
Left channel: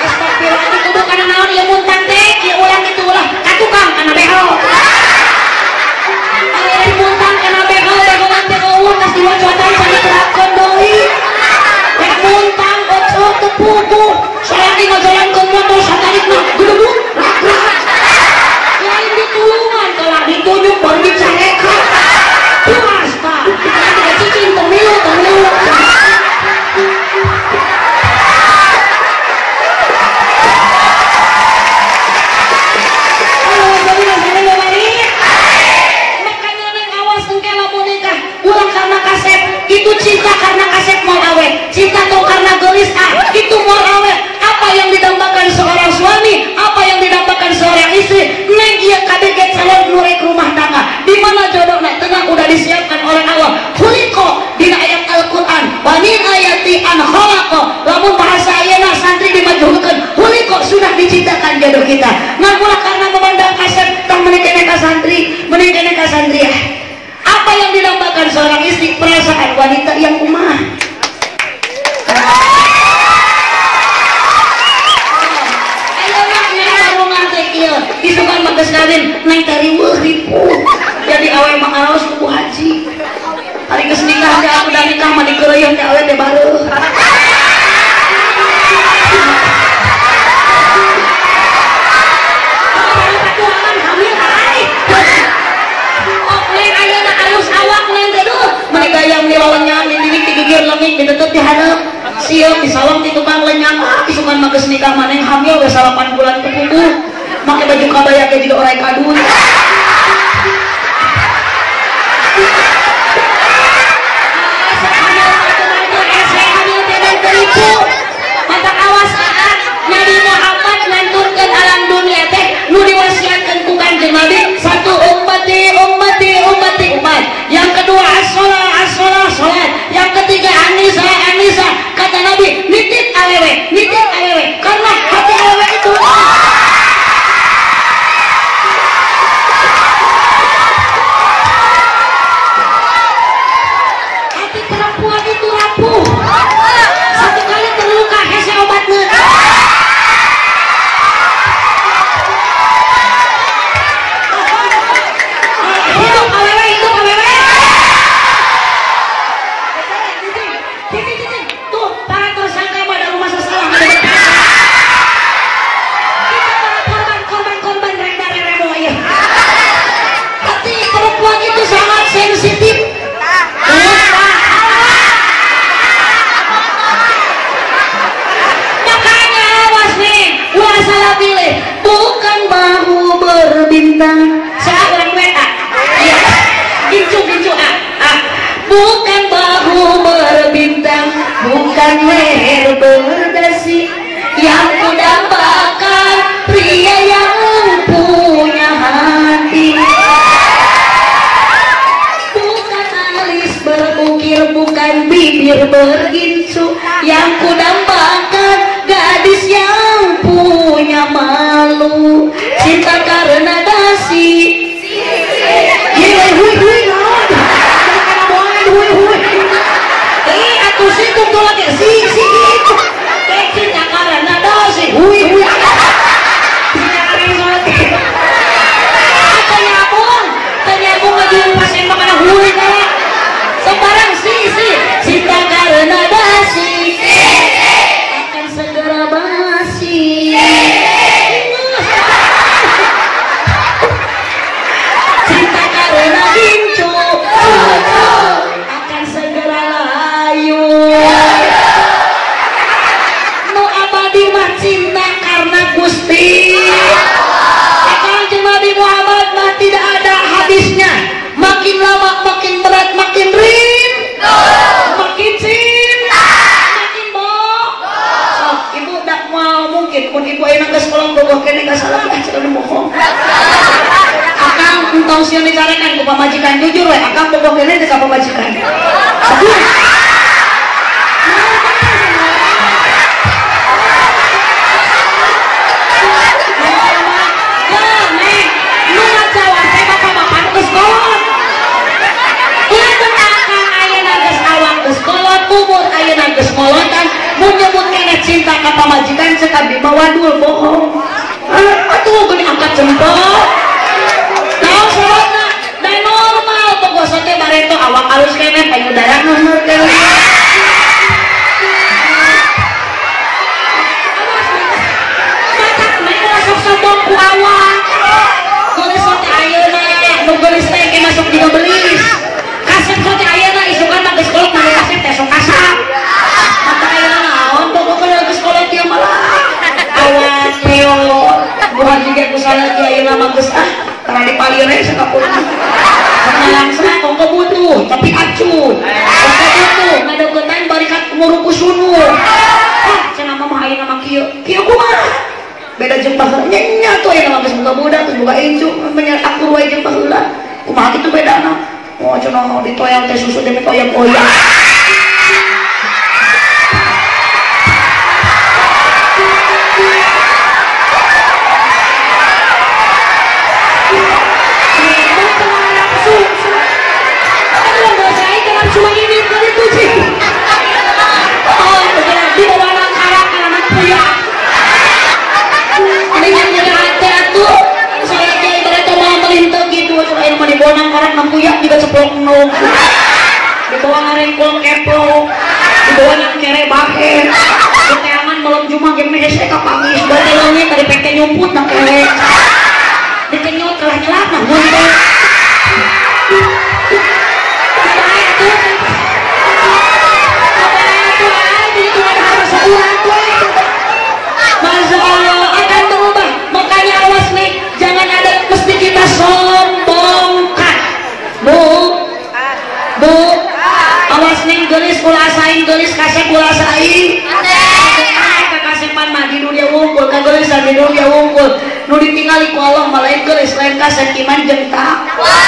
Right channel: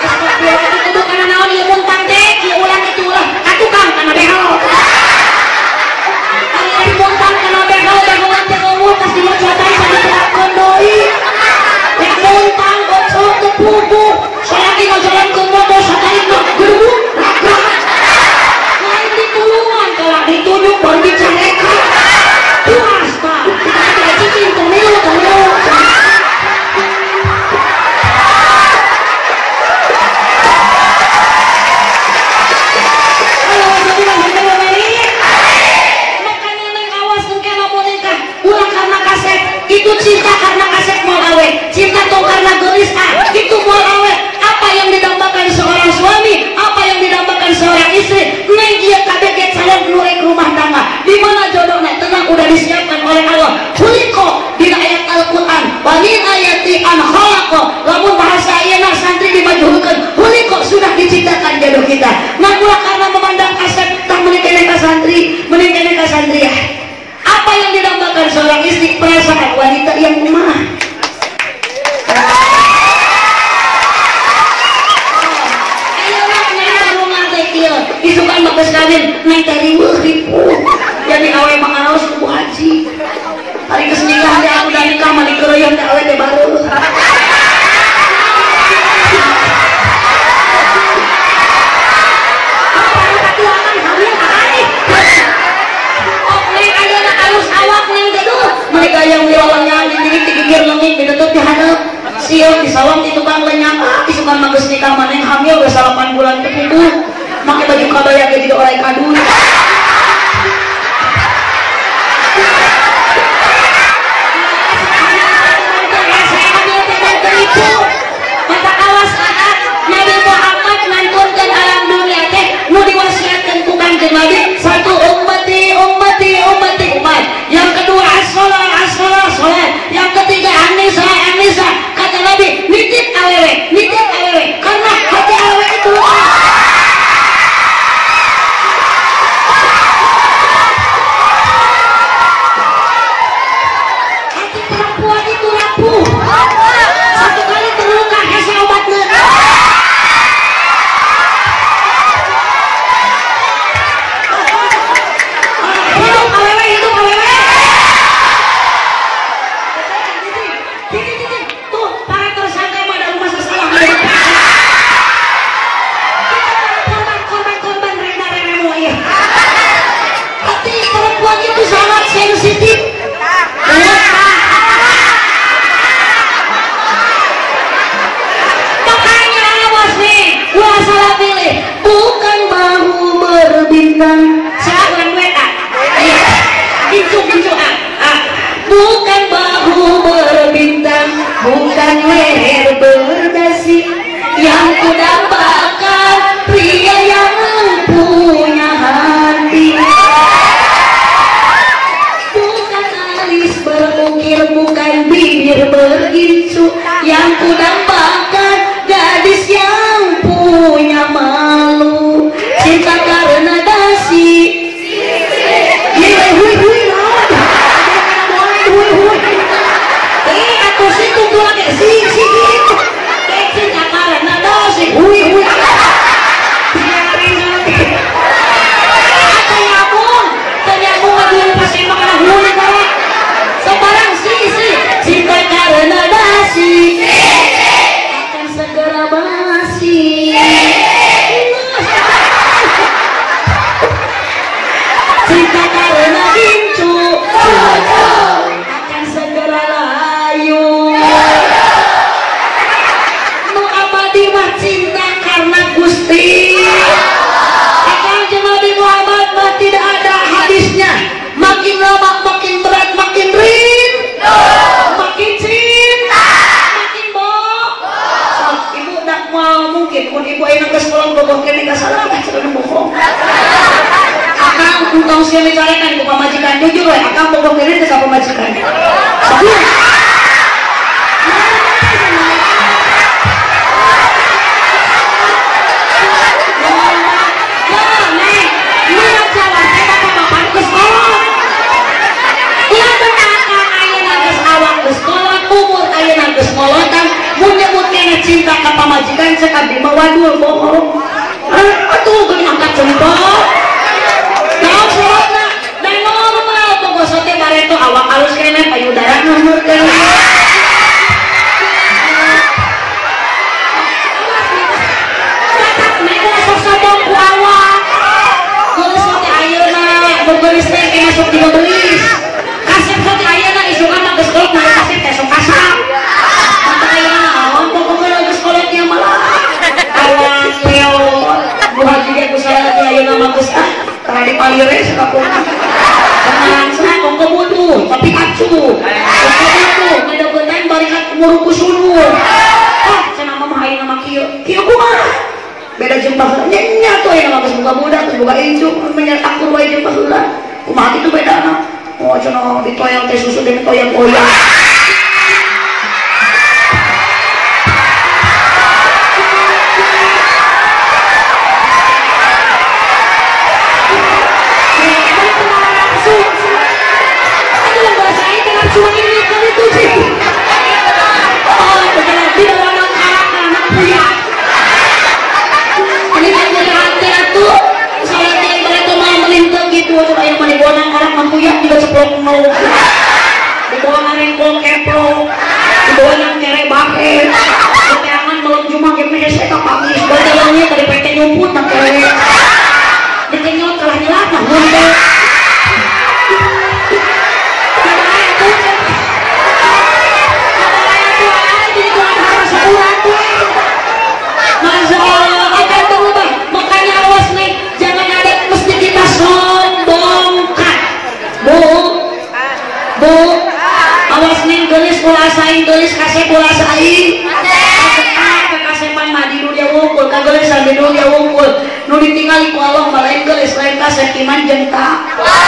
seperti lagi itu karena naon ya muntang deh ya orang itu lah katukang karena beho ada yang muntang karena beho dan nanti ngomong kasih wajahan saya berakon doi yang muntang bocok kepupu saya lagi ngajalan ke motor satarik mah gedebuk lain ditulungan kalau ditunjuk baru dicarekan puas pak kita tidak cicing pemilu itu cinta karena kaset mau awe cinta tuh karena gelis itu mau awe apa yang didambakan seorang suami apa yang didambakan seorang istri neng dia kaget calon mulai ke rumah tangga di mana jodohnya tenang udah disiapkan oleh Allah kuliko di ayat Al-Quran banin ayat alladzi ankhalaqa lamun bahasa ayeuna santri dimajhulkeun huli kok sudah diciptakan jodoh kita ngapula karena memandang kasep tang meuni keneh ka santri ya. Apa yang didambakan seorang istri? Perasaan wanita yang kumaha. Disukan bagus kawin naik dari ribu jadi awe mengalos kubu haji hari kesenikah dia udah nikah mandi keroyong dia awe baru mereka yang dilawangnya dididik digigir langit ditutup di hadap siang disawang di tukang lenyap disukan bagus nikah maneng hamil udah 8 bulan terhidup pakai baju kabaya kayak juga orang kadu maka awas Nabi Muhammad lanturkan alam dunia teh nu diwasiatkan ku Kanjeng Nabi satu ummati umat yang kedua as-salat yang ketiga anisa kata Nabi nitip awewe karena hati awewe itu satu kali terluka kasih obatnya hidup awewe tuh para tersangka yang ada rumah seseorang korban reda ya tapi perempuan itu sangat sensitif salah pilih bukan bahu berbintang salah orang mereka gincu bukan bahu berbintang bukan leher berdasi yang kudambakan pria yang punya hati bukan alis berukir bukan bibir bergincu yang kudambakan gadis yang punya malu cinta karena dasi aku situ tuh lagi gitu cinta karena dasi ternyambung ngajuin pasien makanya sebarang cinta karena dasi akan segera basi cinta karena gincu akan segera layu nu abadi mah cinta karena Gusti Kanjeng Nabi Muhammad mah tidak ada hadisnya makin lama makin berat makin rin makin cinta makin ibu nak mau mungkin pun ibu enak ke sekolah bohong kene gak salah kita cerita bohong akang engkau siang dicarikan itu pemajikan jujur ya akang bohong kene itu pemajikan cinta ke pamajikan sekali mawadul bohong aduh tuh diangkat jempol tahu sholatnya dan normal pokoknya dari itu awak halus kena kayu darah nomor dewa matak merah sosok awak tulis sote ayeuna bergelis teh masuk di belis kasep sote ayeuna isukan mah geus kolot na kasep teh sok kasap bukan juga kesalahan kiai nama besar karena di palire sekapun langsung kongko butuh tapi acuh kongko butuh ngada gotan barikat muruku sunur cenama mahain nama kieu kumaha beda jumlah nya tuh yang nama buka budak tuh buka injuk menyeret aku ruai jumlah heula kumaha kitu bedana cenah ditoyang teh susu demi toyang-toyang manuk, dibawa ngarengkul kepo, dibawa yang nyere baket, keteangan malam Jumat game hese ka pangis, bari wangi tadi peke nyumput na kewe, dikenyot kalah nyelah na ngumpul. Gelis kulasain gelis kasih kulasain kakasepan mah di dunia wungkul kagelisan di dunia wungkul nu ditinggali ku Allah malain gelis lain kasih iman jeung takwa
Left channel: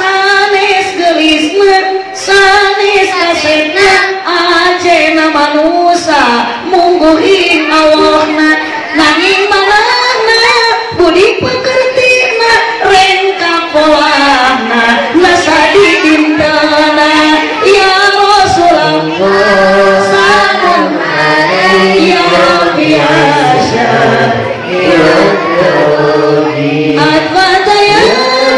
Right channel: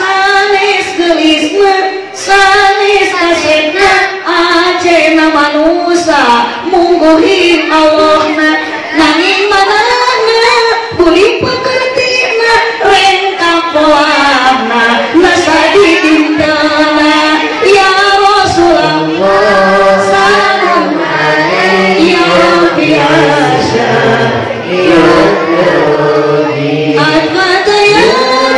sanes gelisna sanes kasihna ajeuna manusia mungguhin Allahna nanging manana budi pekertina rengka polana nasa didindana ya salam ya biasa ya Rabbi al-Fatah ya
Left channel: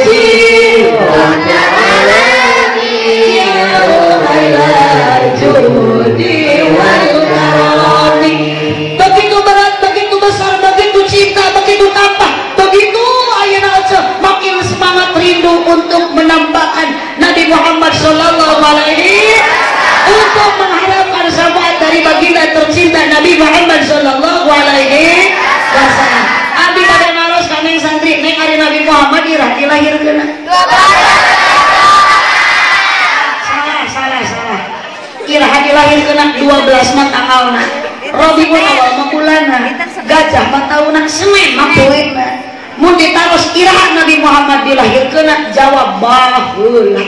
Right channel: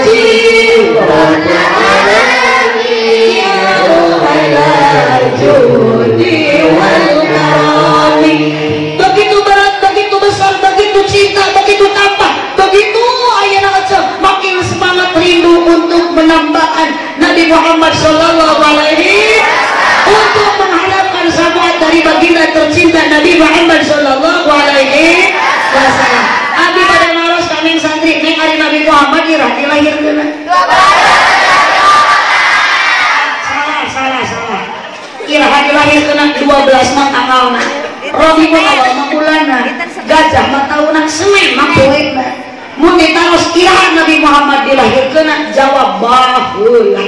jiwana alami ya Rohailah judi wal karami. Begitu berat, begitu besar, begitu cinta, begitu tampak, begitu ayeuna aja makin semangat rindu untuk menambahkan Nabi Muhammad sallallahu alaihi untuk mengharapkan syafaat dari baginda tercinta Nabi Muhammad sallallahu alaihi wasallam. Abi pada ngaros kami santri neng ari Nabi Muhammad ira dilahirkeun. Salah. Ira dilahirkeun 12 mah tanggalna. Rabiul Awal mah bulanna. Gajah mah taunna Senin mah poena. Mun ditaros ira Nabi Muhammad dilahirkeun jawab baheula.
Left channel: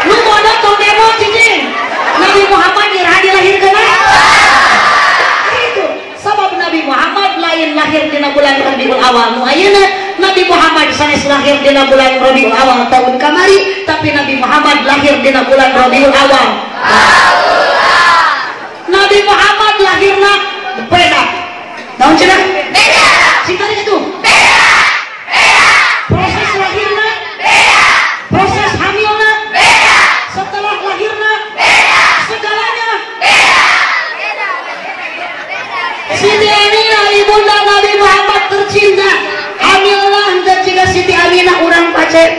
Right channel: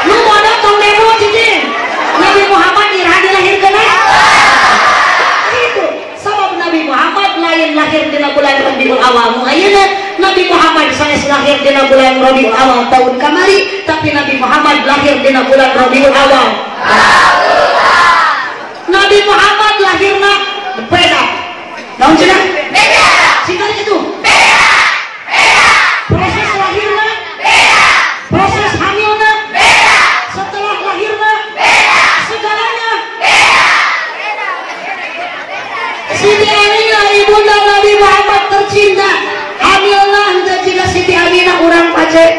Lu mau nonton demo cincin Nabi Muhammad dilahirkan itu sebab Nabi Muhammad lain lahir di bulan Rabiul Awal ayeuna Nabi Muhammad sanes lahir di bulan Rabiul Awal tahun kamari tapi Nabi Muhammad lahir di bulan Rabiul Awal Nabi Muhammad lahirna beda naon cenah beda singkat itu beda proses lahirna beda proses hamilna beda setelah lahirna beda segalanya beda Siti Aminah ibunda Nabi Muhammad tercinta hamilna henteu jika Siti Aminah urang pacek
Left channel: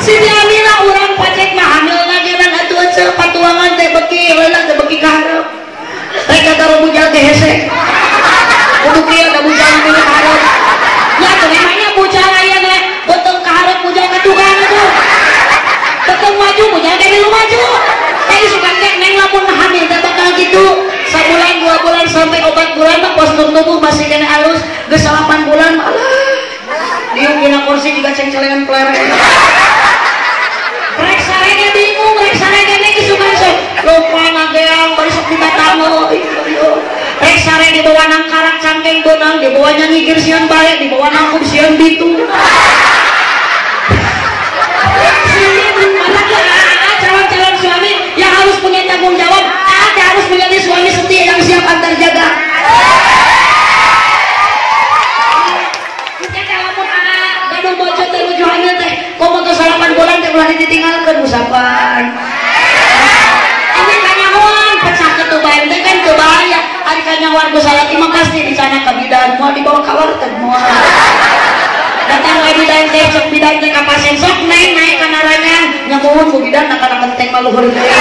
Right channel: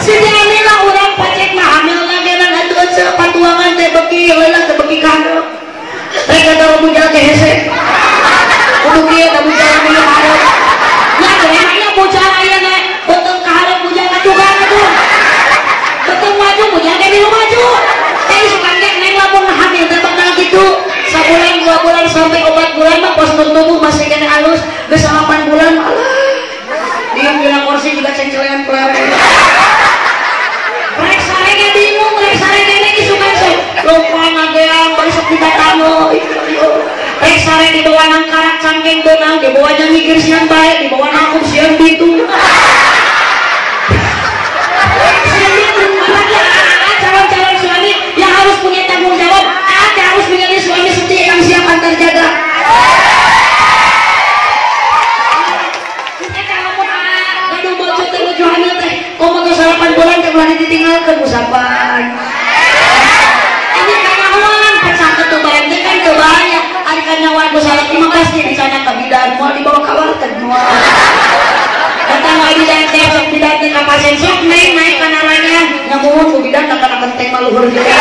Siti Aminah urang pacek mah hamilna geuna atuh ceuk patuangan teh beuki heula teh beuki kahareup rek eta bujal teh hese kudu kieu da bujal dina kahareup ya terangnya bujal ayeuna betul kahareup bujal ka tukang atuh betul maju bujal teh di maju teh supaya neng lamun hamil teh bakal kitu sabulan 2 bulan sampai 4 bulan mah pas tubuh masih kena halus geus 8 bulan alah dieu dina kursi juga cengcelengan kelereng rek sarenge bingung rek sarenge ge sugan se lupa ngadeang besok kita tamu rek sareng dibawa nang karak cangkeng donang dibawa nyanyi girsian bae dibawa nang kursian bitu calon-calon suami yang harus punya tanggung jawab ada harus menjadi suami setia yang siap antar jaga kalau bocor teh nuju hamil teh komo teh 8 bulan teh ulah ditinggalkeun musapan ini kanyawan pecah ke tubayan teh kan kebaya ari kanyawan geus salat 15 di sana ka bidan mau dibawa ka warteg moal datang wae bidan teh sok bidan teh ka pasien sok naik kana rangan ngamuhun ku bidan kana kentek luhur deui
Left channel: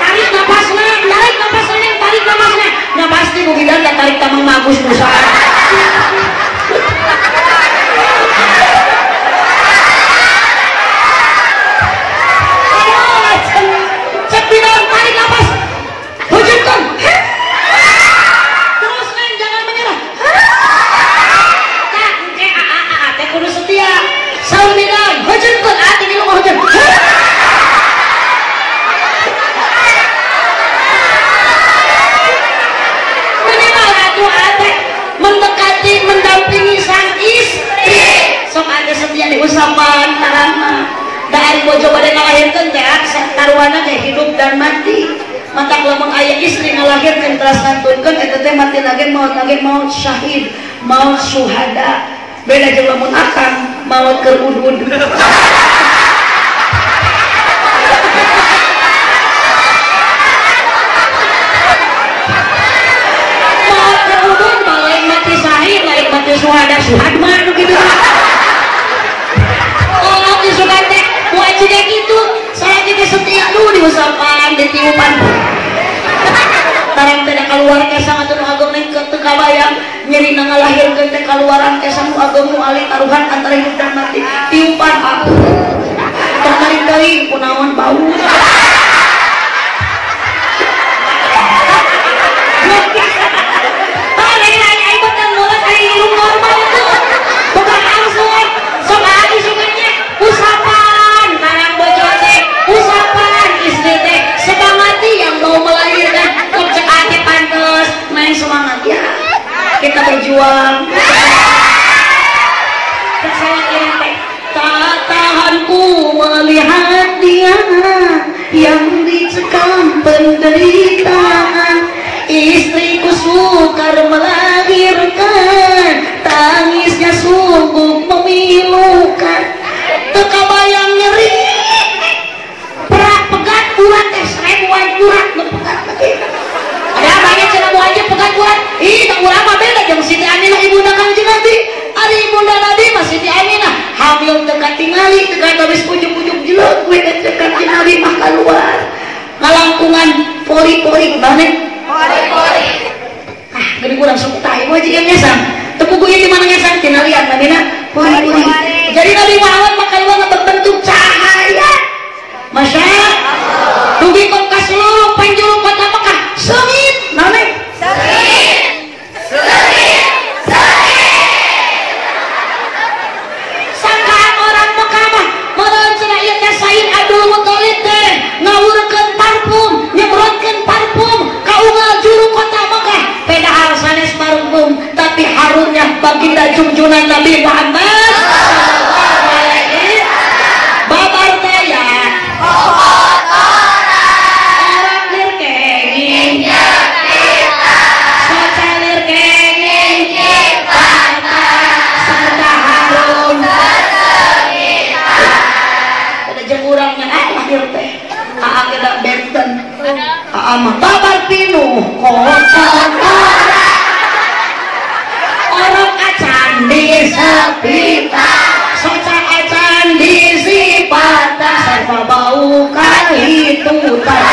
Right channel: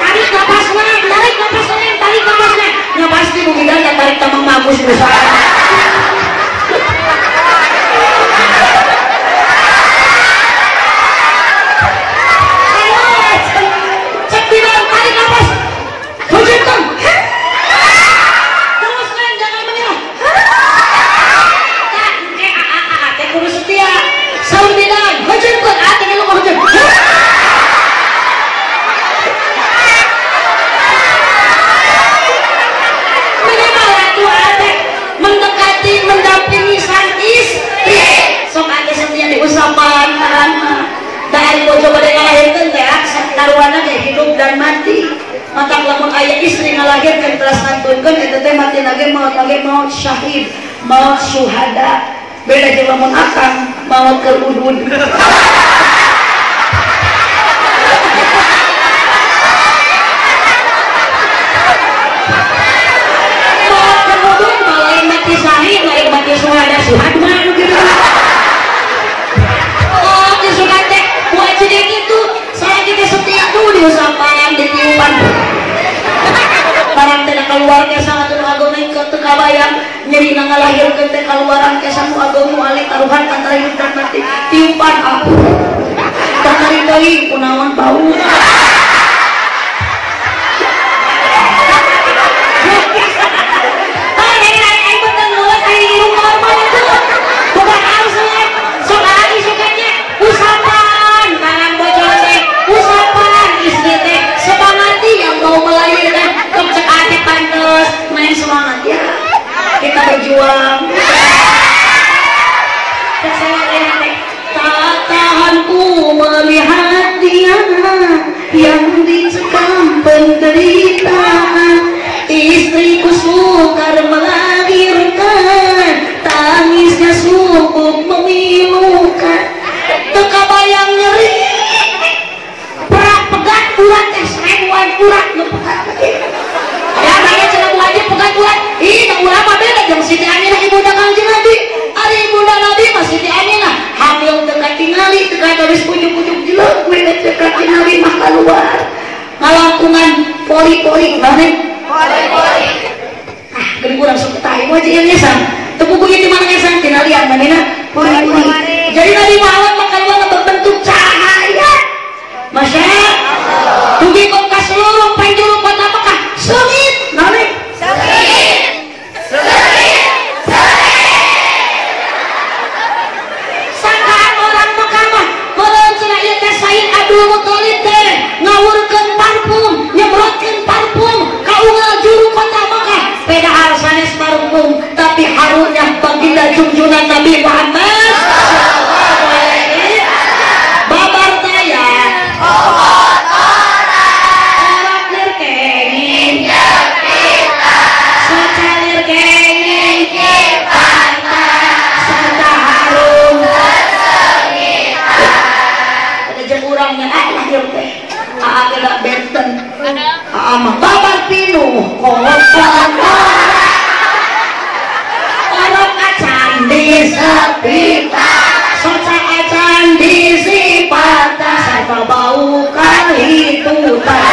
tarik napasna tarik napasna nah pasti ku bidan ya tarik ka Mang Agus bisa mendampingi sang istri sok ade setia diusapan dari bojo bade ngalahirkeun teh taruhana teh hidup dan mati maka lamun aya istri ngalahirkeun teras ngantunkeun eta teh mati lagi maut syahid maut syuhada. Beda jeung lamun akan maut keur udud. Maut keur udud lain mati syahid, lain mati syuhada mah gitu. Oh, di syuhada wajib gitu. Saya kita setia tuh diusapan, ditiupan. Barang tidak keluarga sangat mengagomen ke kabayang nyeri nangalahirkeun teh kaluaran kesan mu agamu alih taruhan antara hidup dan mati tiupan aku tertarik deui kunaon bau usapan tangan bocor teh usapan istri teh sebangati yang mau melahirkan cek ati pantes main semangat ya kita berjuang. Tak tahanku melihat dia yang dicekam penderitaan, istriku sukar melahirkan, tangisnya sungguh memilukan, terkabayang nyeri berat pegat kuat serewan kurat pegat ada banyak cara wajib pegat kuat ih tak ulama beda jam Siti Aminah ibu dagang Nabi ari ibu Nabi masih Siti Aminah hamil dekat tingali dekat habis ujung-ujung jelek gue dekat tingali makan luar ngalangkungan pori-pori gimana pori-pori gini kurang suka tahu wajib yang nyesang tepuk gue di mana nyesang tingali yang mana pori-pori jadi Nabi Muhammad makan luar berbentuk cahaya Masya Allah tugi kok ke seluruh penjuru kota Mekah sengit nane sengit sangkaan orang Mekah mah meureun cenah ieu teh Said Abdul Muthalib teh ngawurkeun parfum nyemprotkeun parfum ka unggal juru kota Mekah padahal sanes parfum tapi harumnya baginda junjungan Nabi Muhammad babar teh ya babar pinu orang acan di sepita soca acan di sipata serta bau kali tutan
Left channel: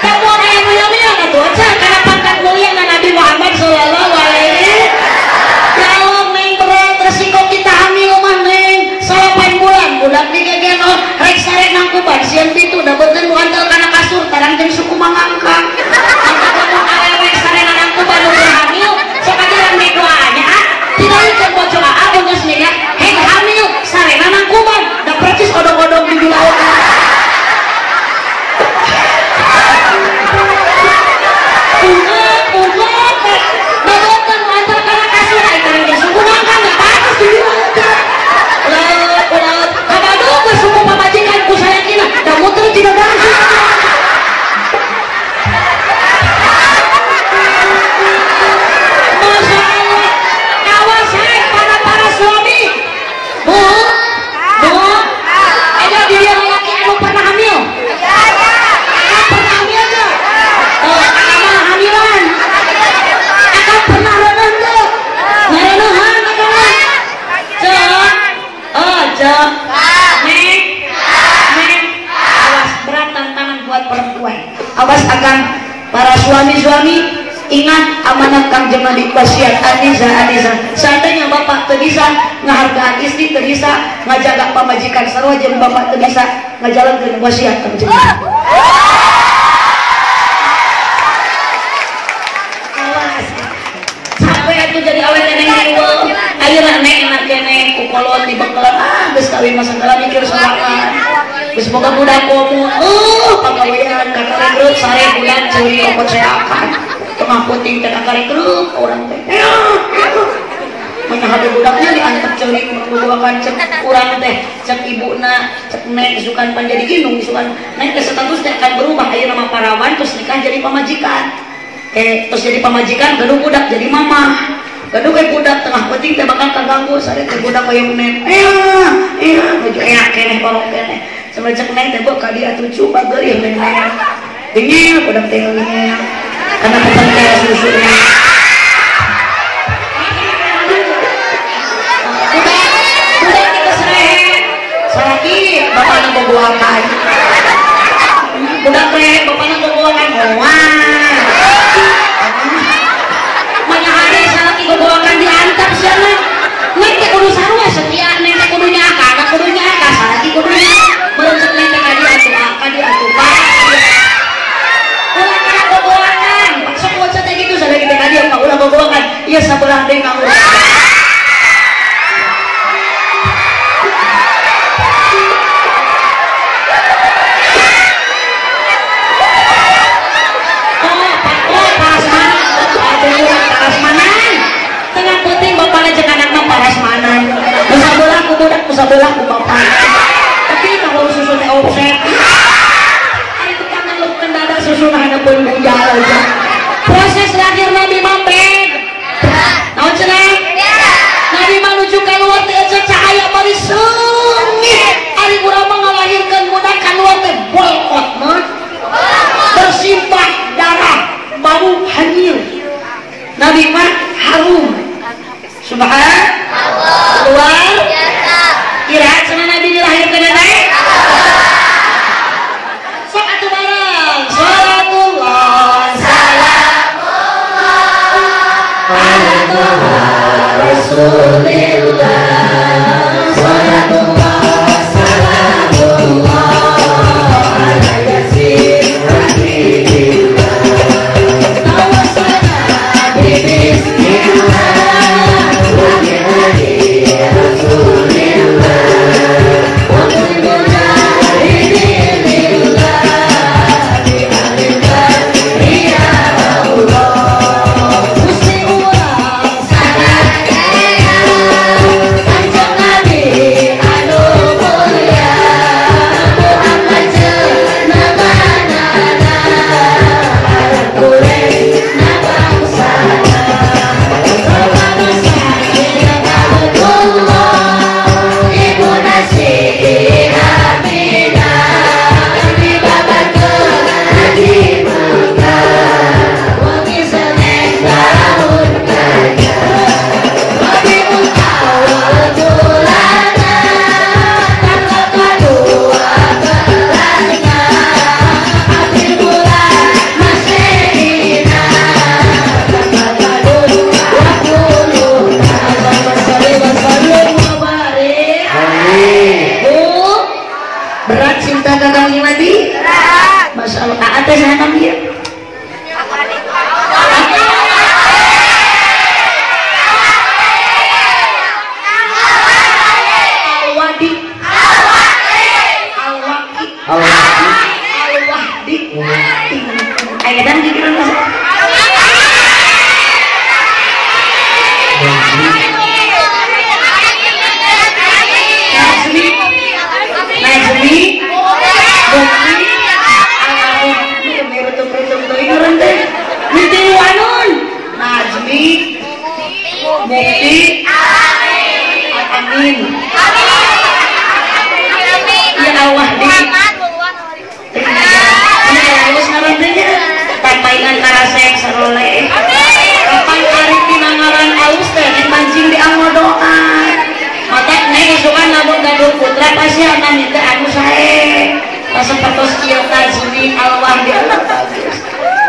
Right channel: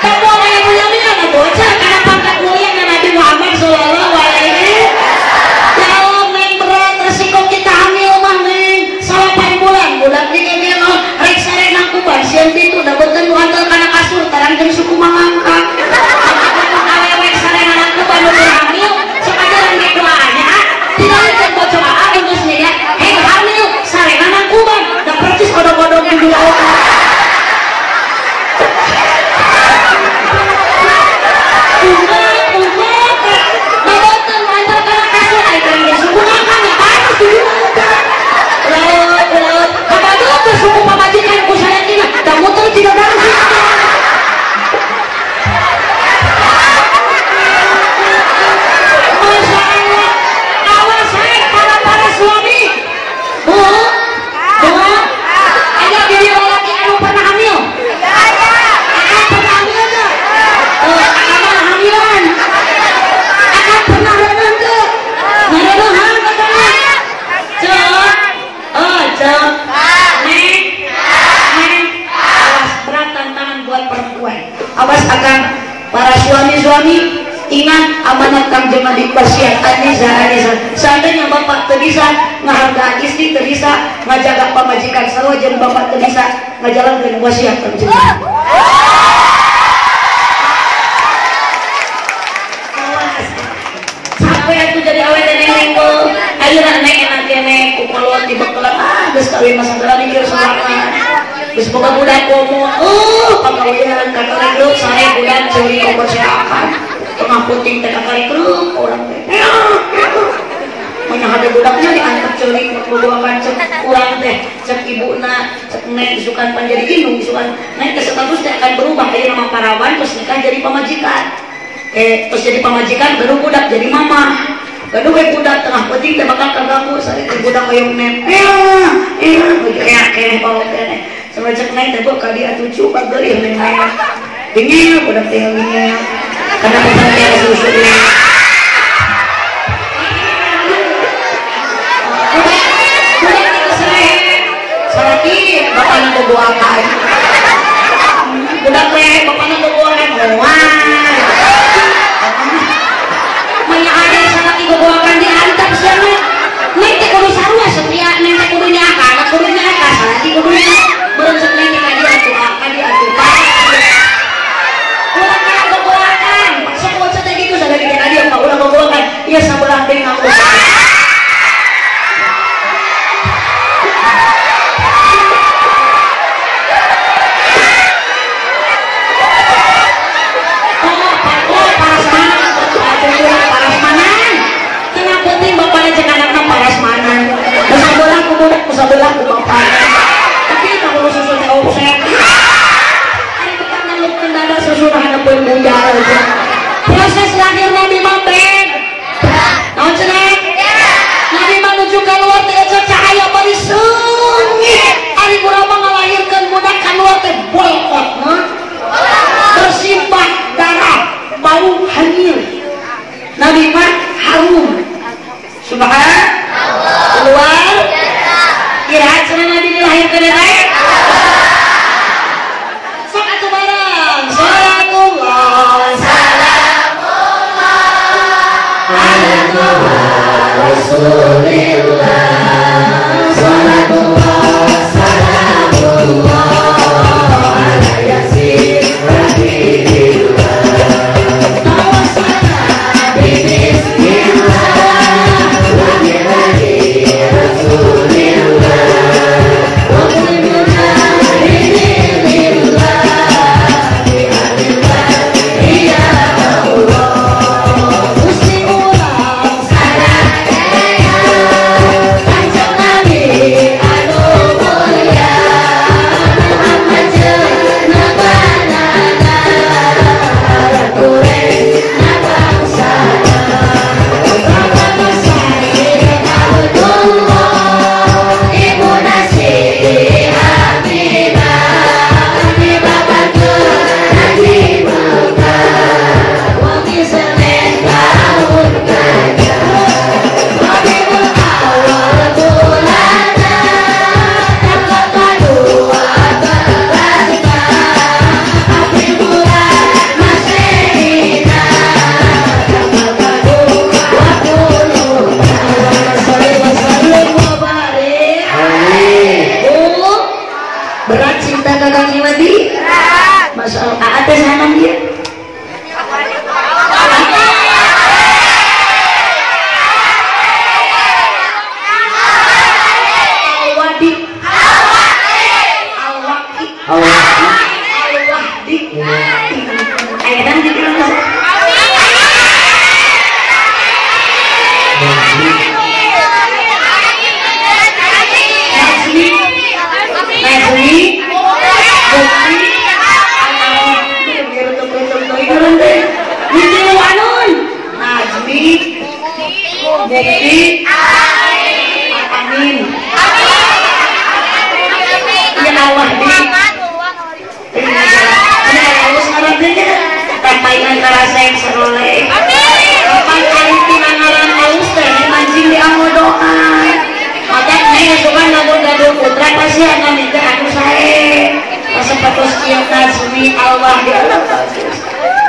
kamu ada yang mulia-mulia gak bocah karena pangkat mulia Nabi Muhammad sallallahu alaihi wasallam neng berat resiko kita hamil mah neng 8 bulan bulan digegeno rek sare nangkuban sieun pintu dabeutkeun wantol kana kasur tarang jeung suku mangangka awewe sare nangkuban nu hamil sok ajaran ge doanya tidak jeung bocor aa geus nya heng hamil sare nangkuban da percis kodong-kodong di dua orang awas akan para suami-suami ingat amanat kang jeung wasiat Anisa seandainya bapak teu bisa ngahargaan istri teu bisa ngajaga pamajikan sarua jeung bapak teu bisa ngajalankeun wasiat kang jeung sampai atuh jadi awet neneng tuh ayeuna neng enak kene kukulun di bekalan geus kawin mah sagala mikir sorangan geus boga budak komo pagawean kakak grup sare bulan curi obat seakan tengah puting teh kakak grup orang teh ada budaknya diantar curi keluarkan cek kurang teh cek ibuna cek nek isukan panjadi ginung isukan nek status teh akan berubah ayeuna nama parawan terus nikah jadi pamajikan terus jadi pamajikan gaduh budak jadi mama gaduh baik budak tengah penting teh bakal kaganggu sare teh budak hoyong nem begitu kene kolot kene semacam naik teh kok kali atuh cukup geulih nenek ini budak teh ini karena bukan kayak susu bapaknya kebuakan budak teh bapaknya kebuakan doang mana ada salaki kebuakan diantar sana nanti kudu sarua setia nenek kudunya anak kudunya salaki kudunya belum setelah nenek dia ulah kena kebuakan semua cete gitu sadar kita dia ulah kebuakan iya sabelah deh ngaku sebelah bapak tapi kalau susunya offset itu kan kalau mendadak susunya ada pengunjal proses lahir Nabi Muhammad tahu cenah Nabi menuju keluar diajak cahaya parisung ari urang ngalahirkan budak keluar teh bolot bersimbah darah bau hanyir Nabi mah harum subhanallah keluar kira sana Nabi dilahirkan dari sok atuh bareng salatullah salamullah ala rasulillah salatullah salamullah ala yasin rabbillah tawassalna bismillah wa bihi rasulillah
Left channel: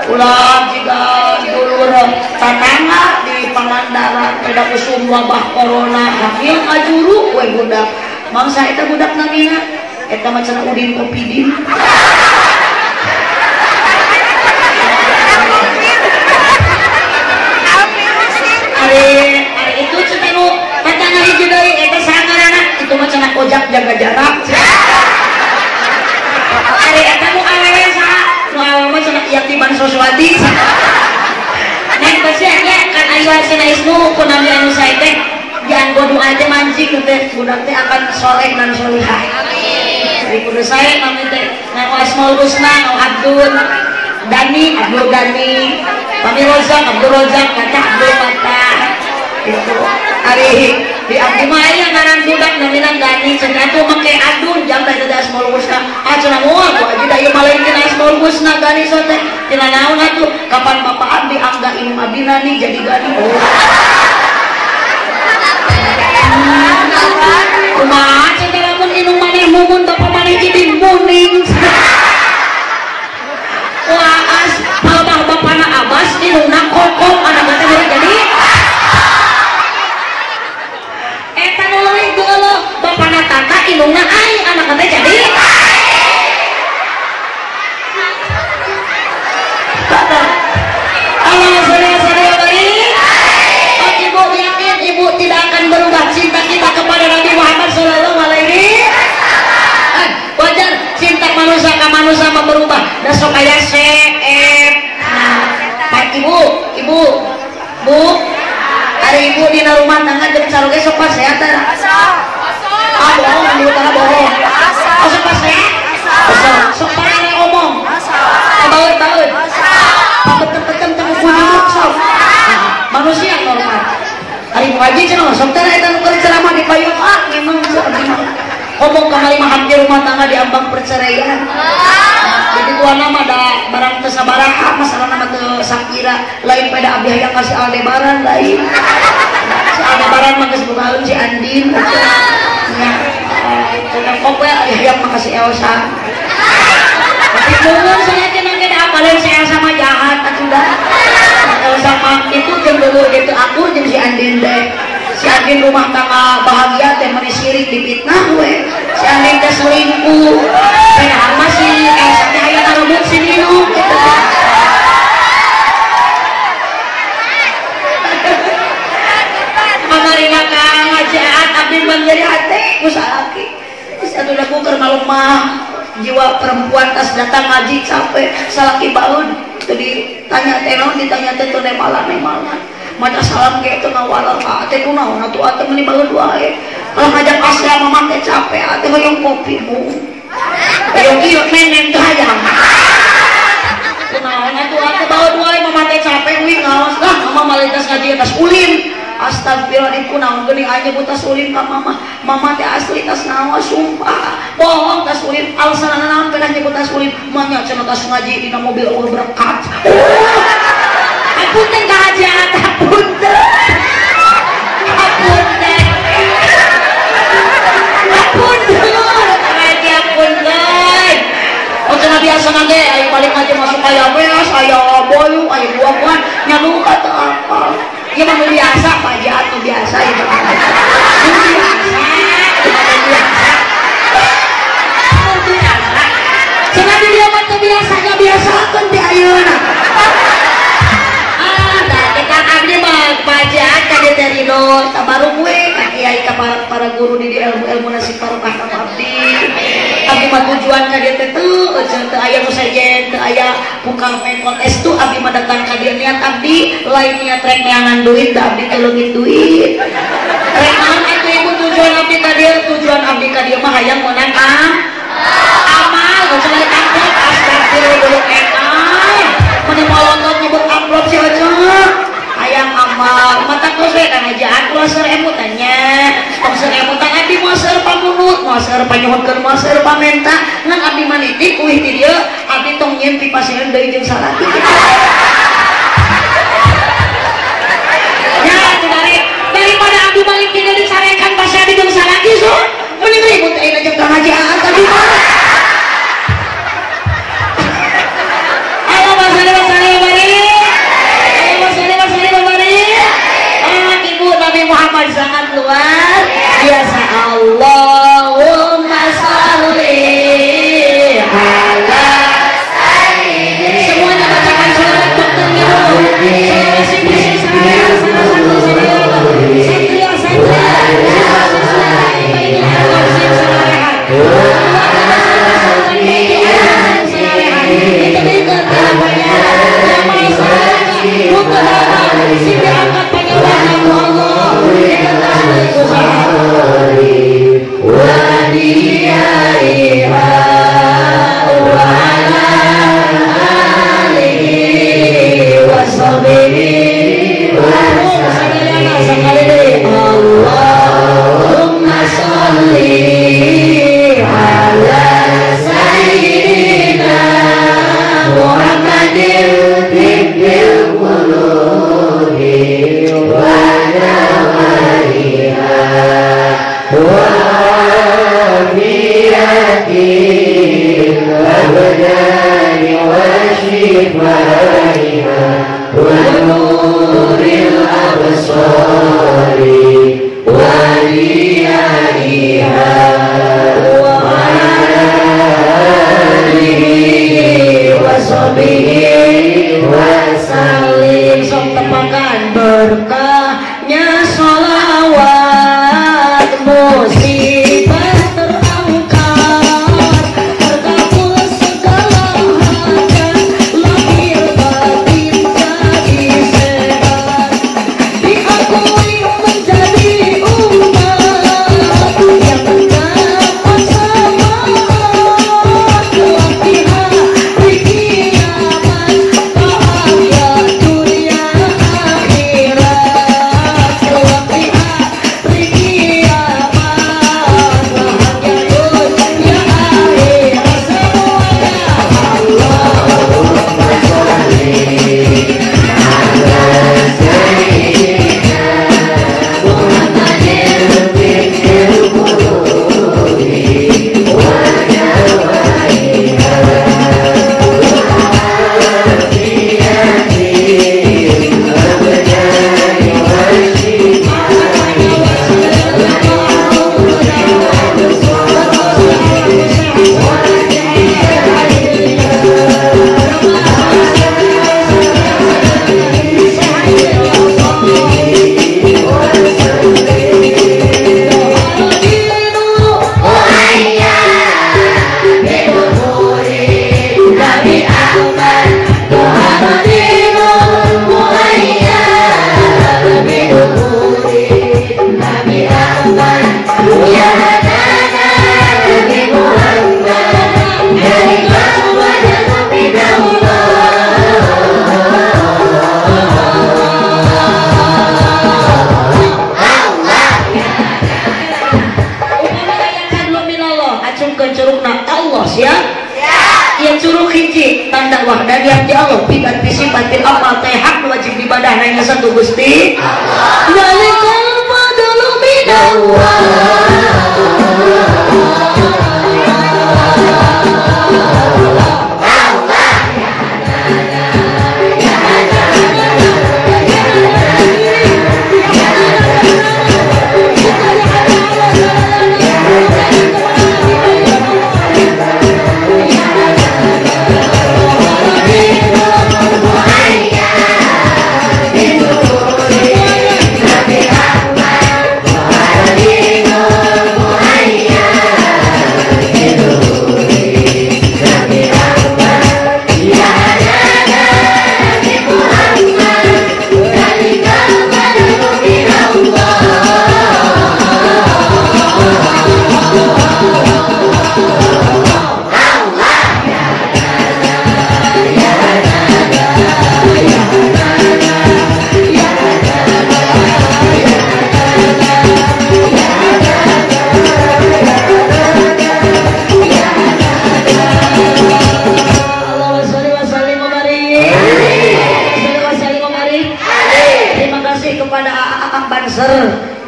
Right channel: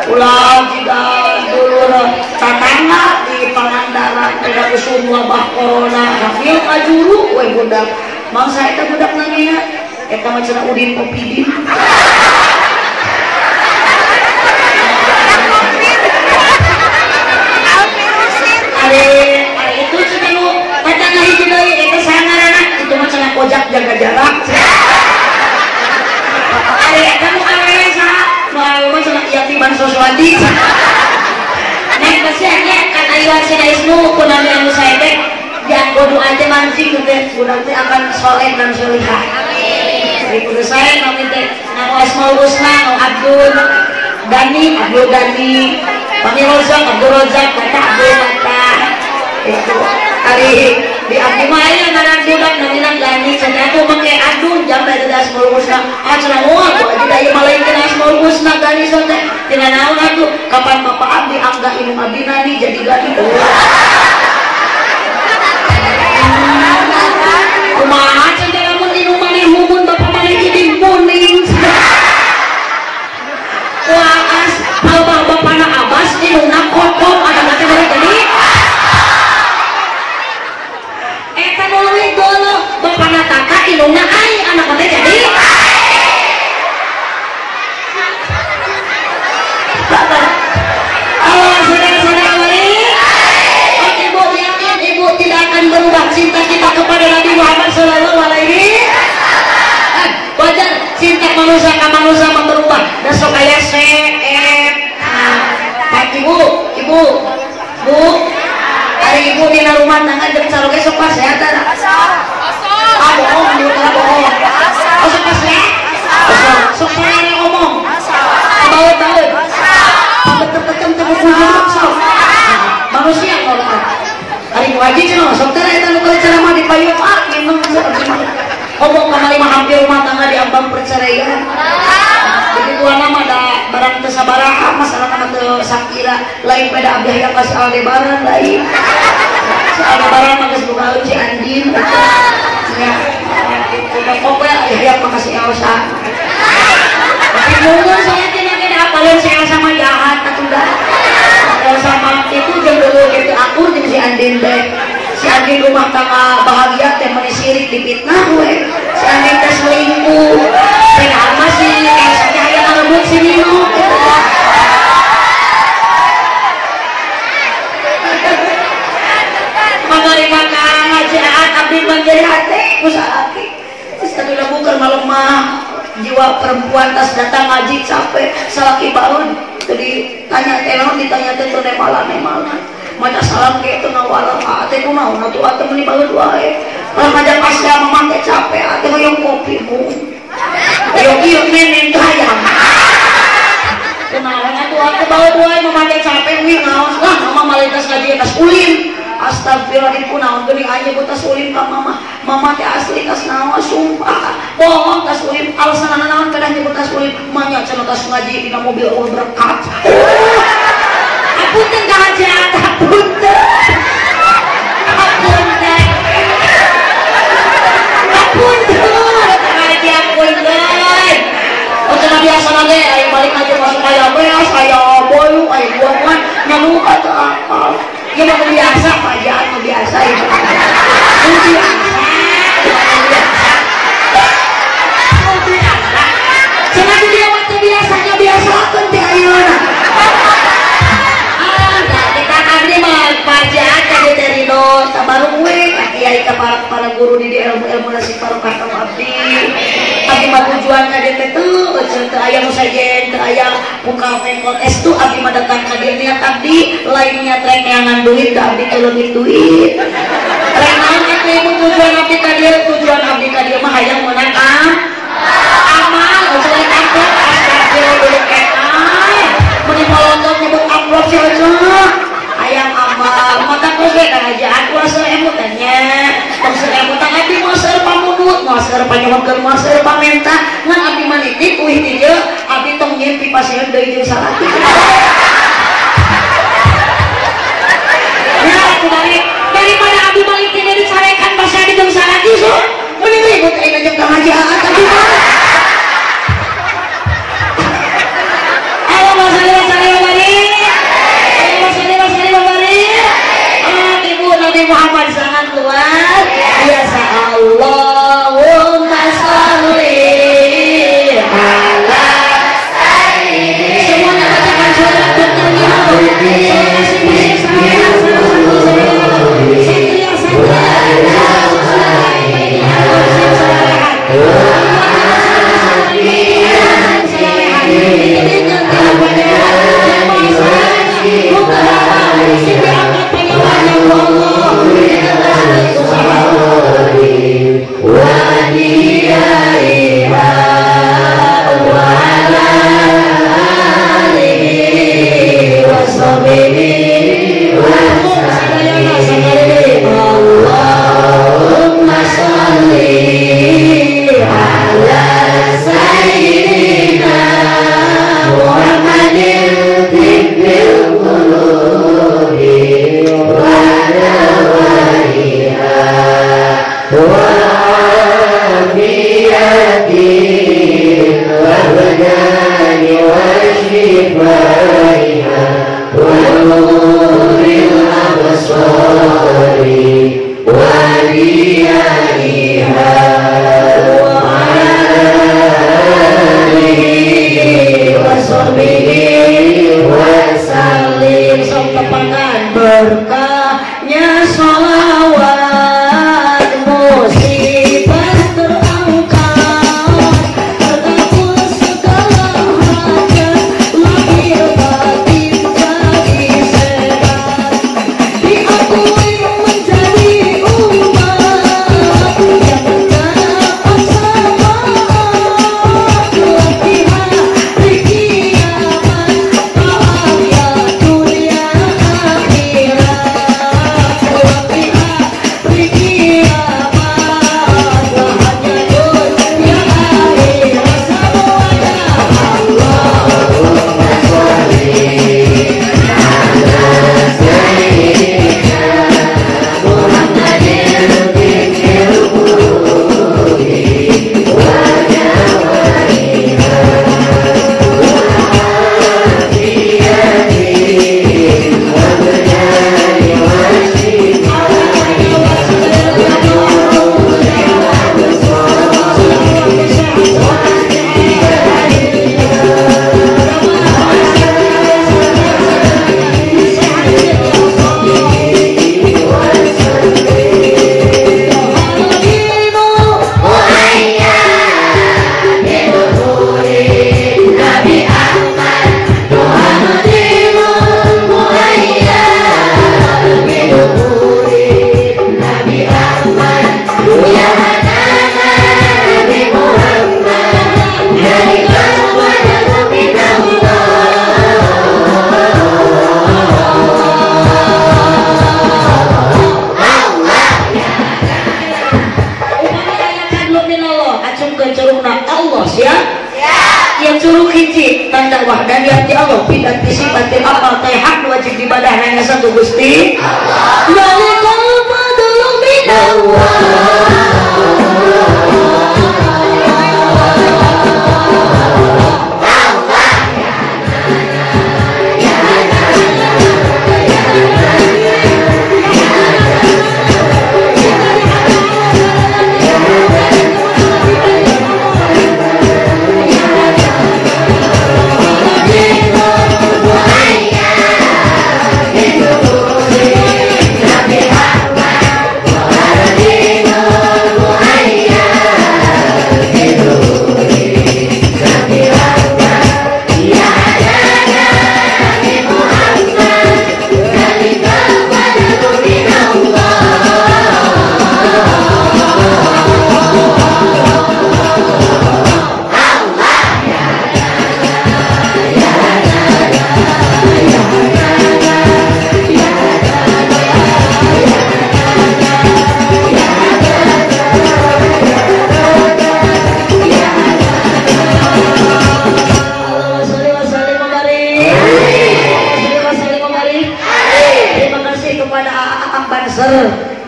ulah jika dulu kakana di Pangandaran ada usul wabah corona hakil ajuru we budak mangsa eta budak namina eta macam udin kopidin itu cuma nu kata ngahiji deui eta sangarana itu macam ojak jaga jarak eta nu awalnya saha nu awalnya cenah Yatiman Suswati nek pasti nya kan aya hasilna ismu kunaon anu sae teh jangan bodoh teh mancing teh budak teh akan soleh dan solihah amin kudu sae nanti teh Asmaul Husna Abdul Dani Kami rozak, Abdul Rozak, kata Abdul Makan. Kali di abdi maya barang budak naminan gani cenah aku make adun jam bae das mulusna acara moal aku aja daya balain kena mulusna gani sote tina naon atuh kapan bapak abdi angga ilmu abdi nani jadi gani kumaha cenah lamun minum maneh mumun bapak maneh jadi muning kuakas bapana abas minumna kokok ada kata dari gani bapana kakak ilungna ai anak teh jadi Allah saudara-saudara baik ibu yakin ibu tidak akan berubah cinta kita kepada Nabi Muhammad sallallahu alaihi wajar cinta manusia ke manusia berubah dan supaya ibu bu hari ibu di rumah nangan jadi calon sok sehat bohong, bohong. Oh, suka saya? Suka ada ngomong? Bawet. Tekan manusia kalau hari wajib cuma saudara itu kalau ceramah di kayu memang ngomong kembali hampir rumah tangga di ambang perceraian. Jadi dua nama ada barang kesabaraha masalah nama ke Sakira lain pada abdi yang masih Aldebaran lain. Aldebaran mah geus buka si Andin. Pokoknya ya makasih Elsa tapi ngomong saya kena apalagi saya sama jahat sudah Elsa itu jam dulu gitu aku jadi si Andin deh si Andin rumah tangga bahagia teh meni sirik dipitnah gue si Andin teh selingkuh padahal masih Elsa teh aya ngalebut sini dulu pemerintah ngajahat abdi menjadi hati usaha satu lagu termalemah jiwa perempuan tas datang ngaji capek salaki bangun jadi tanya tenon ditanya tentu nemala mata salam kayak itu nawala ate kunaon atuh ate meuni bangun wae lamun ngajak pasrah mamang teh capek ate hoyong kopimu hoyong ieu nenen teh hayang kumaha atuh ate bawa wae mamang teh capek wi ngaos lah mama malitas ngaji tas ulim astagfirullah itu naon geuning aja buta sulim ka mama teh asli tas naon sumpah bohong tas sulim alasan naon kada nyebut tas sulim manya cenah tas ngaji dina mobil Allah berkat apunten ka hajat apunten ngaji apunten cenah biasa nage aya balik ngaji masuk aya beas aya boyu aya buah nyamuk atau apa ya mau biasa aja atau biasa itu jangan dia waktu biasanya biasa kan di ayuna kita abdi mah kajian jadi dari do tabaru gue kiai ka para guru di ilmu nasib barokah abdi mah tujuannya dia teh teu aya nu sajen teu aya bukan main kontes tuh abdi mah datang ka dieu niat abdi lain niat rengangan duit da abdi teu leuwih duit rengangan itu tujuan abdi ka dieu tujuan abdi ka dieu mah hayang meunang amal geus balik angkot astagfirullah meni molongkeun ngobok amplop si aja hayang amal mata kose kana jahat kuaseur emu tanya kuaseur emu tanya di kuaseur pamunut kuaseur panyuhkeun kuaseur pamenta ngan abdi manitip uih di dieu abdi tong nyieun ti pasieun deui jeung salaki ya daripada abdi balik ti dieu disarekan pasieun jeung salaki so mending ribut ayeuna jeung ka ngaji aat tadi Muhammad sangat luar biasa Allahumma sholli ala sayyidina semuanya bacakan sholawat dokter minum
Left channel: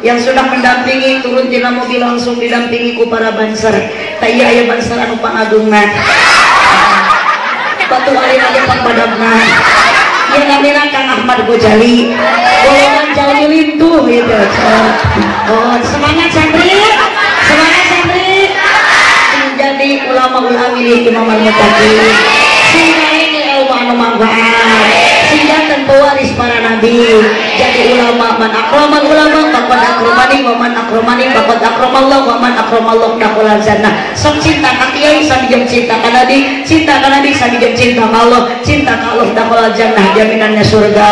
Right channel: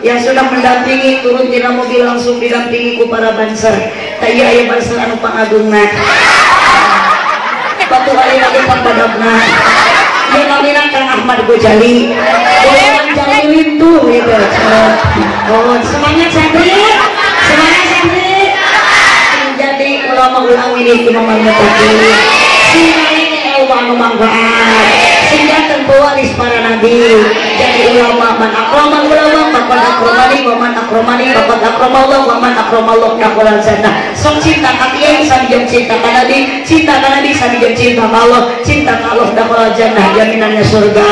yang sudah mendampingi turun tina mobil langsung didampingi ku para banser. Tak iya aya banser anu pangagungna. Patu aya lagi padabna. Ieu namina Kang Ahmad Gojali. Golongan Jali Lintu gitu. Oh, semangat santri. Semangat santri. Jadi ulama-ulama ini cuma mengetahui sehingga ini anu manfaat. Sehingga tentu waris para nabi. Jadi ulama man akramal ulama faqad akramani wa man akramani faqad akramallah wa man akramallah dakhulal jannah. Sok cinta ka kiai sambil cinta ka nabi, cinta ka nabi sambil cinta ka Allah, cinta ka Allah dakhulal jannah, jaminannya surga.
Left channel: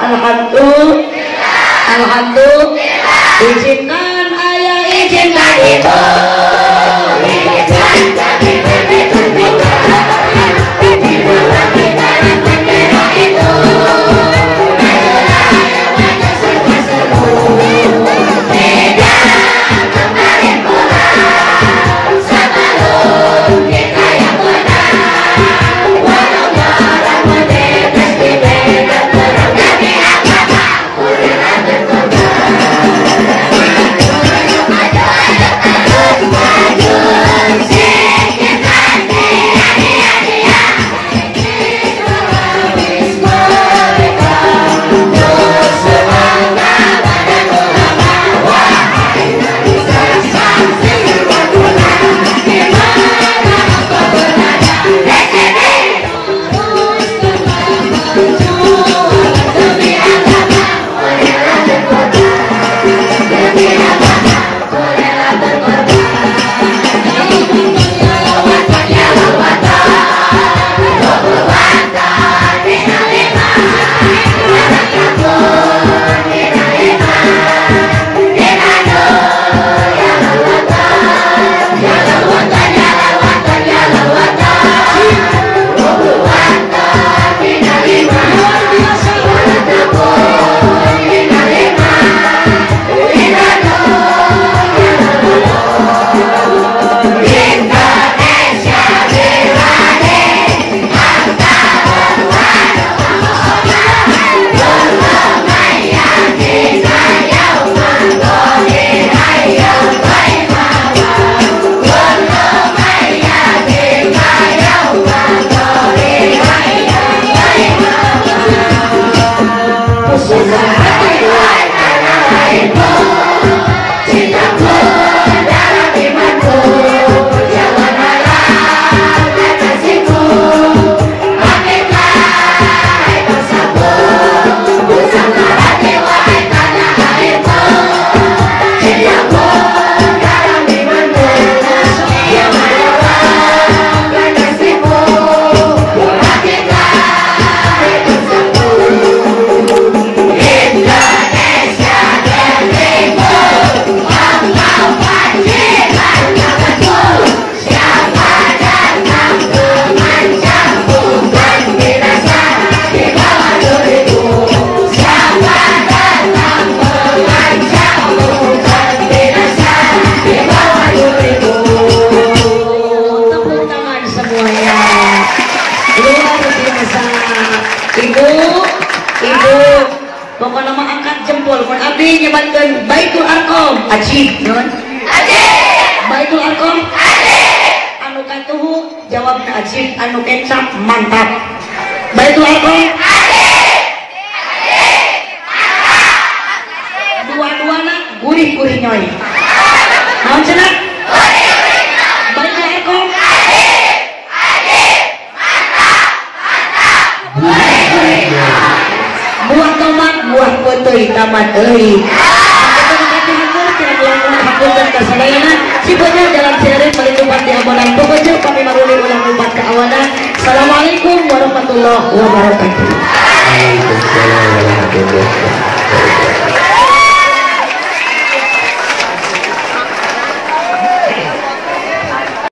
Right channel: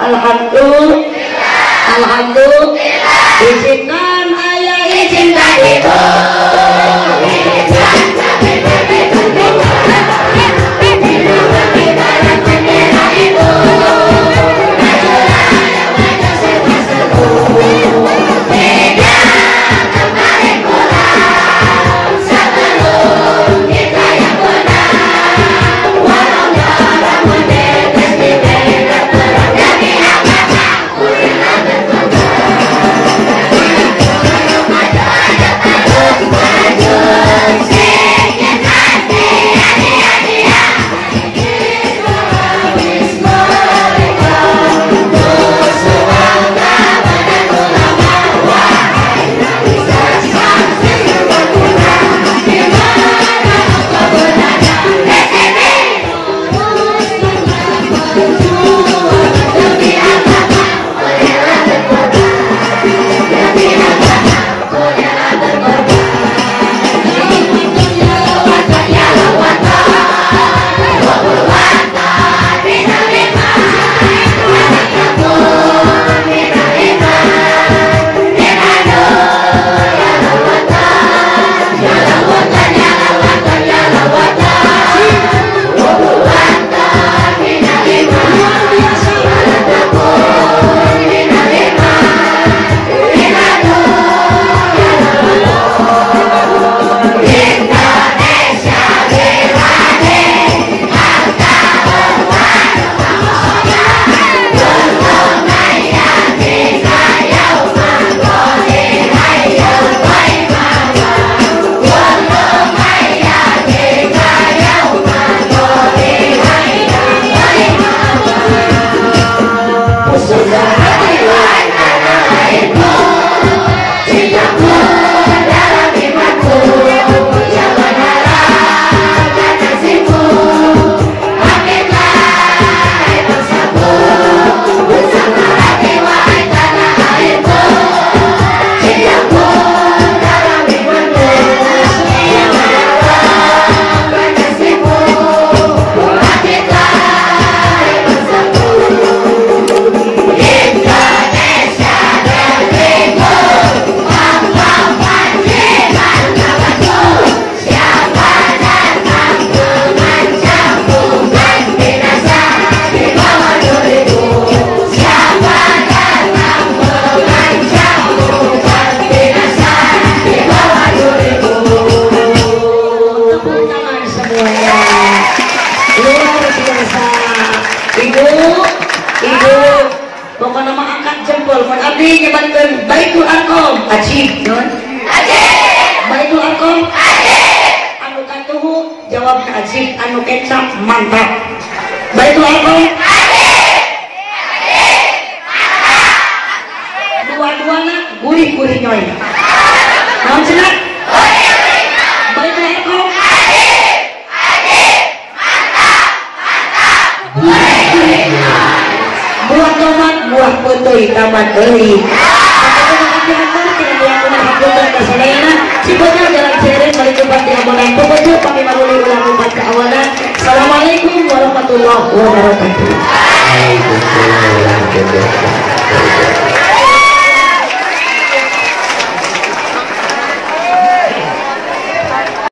Alhamdulillah. Izinkan ayah izin dari Pokoknya mah angkat jempol. Mun abdi nyebatkeun Baitul Arqam, ajib non. Ajib. Baitul Arqam, ajib. Anu katuhu jawabna ajib, anu kecap mantap. Baitul Arqam, ajib. Ajib. Mantap. Dua-duana gurih-gurih nyoy. Naon cenah? Gurih-gurih nyoy. Baitul Arqam, ajib. Ajib. Mantap. Mantap. Gurih-gurih nyoy. Buah tomat, buah putih, tamat euy. Sifatnya dalam sehari mari cepat diamalkan. Pokoknya kami menguli ulang umat keawanan. Assalamualaikum warahmatullahi wabarakatuh. Waalaikumsalam warahmatullahi wabarakatuh.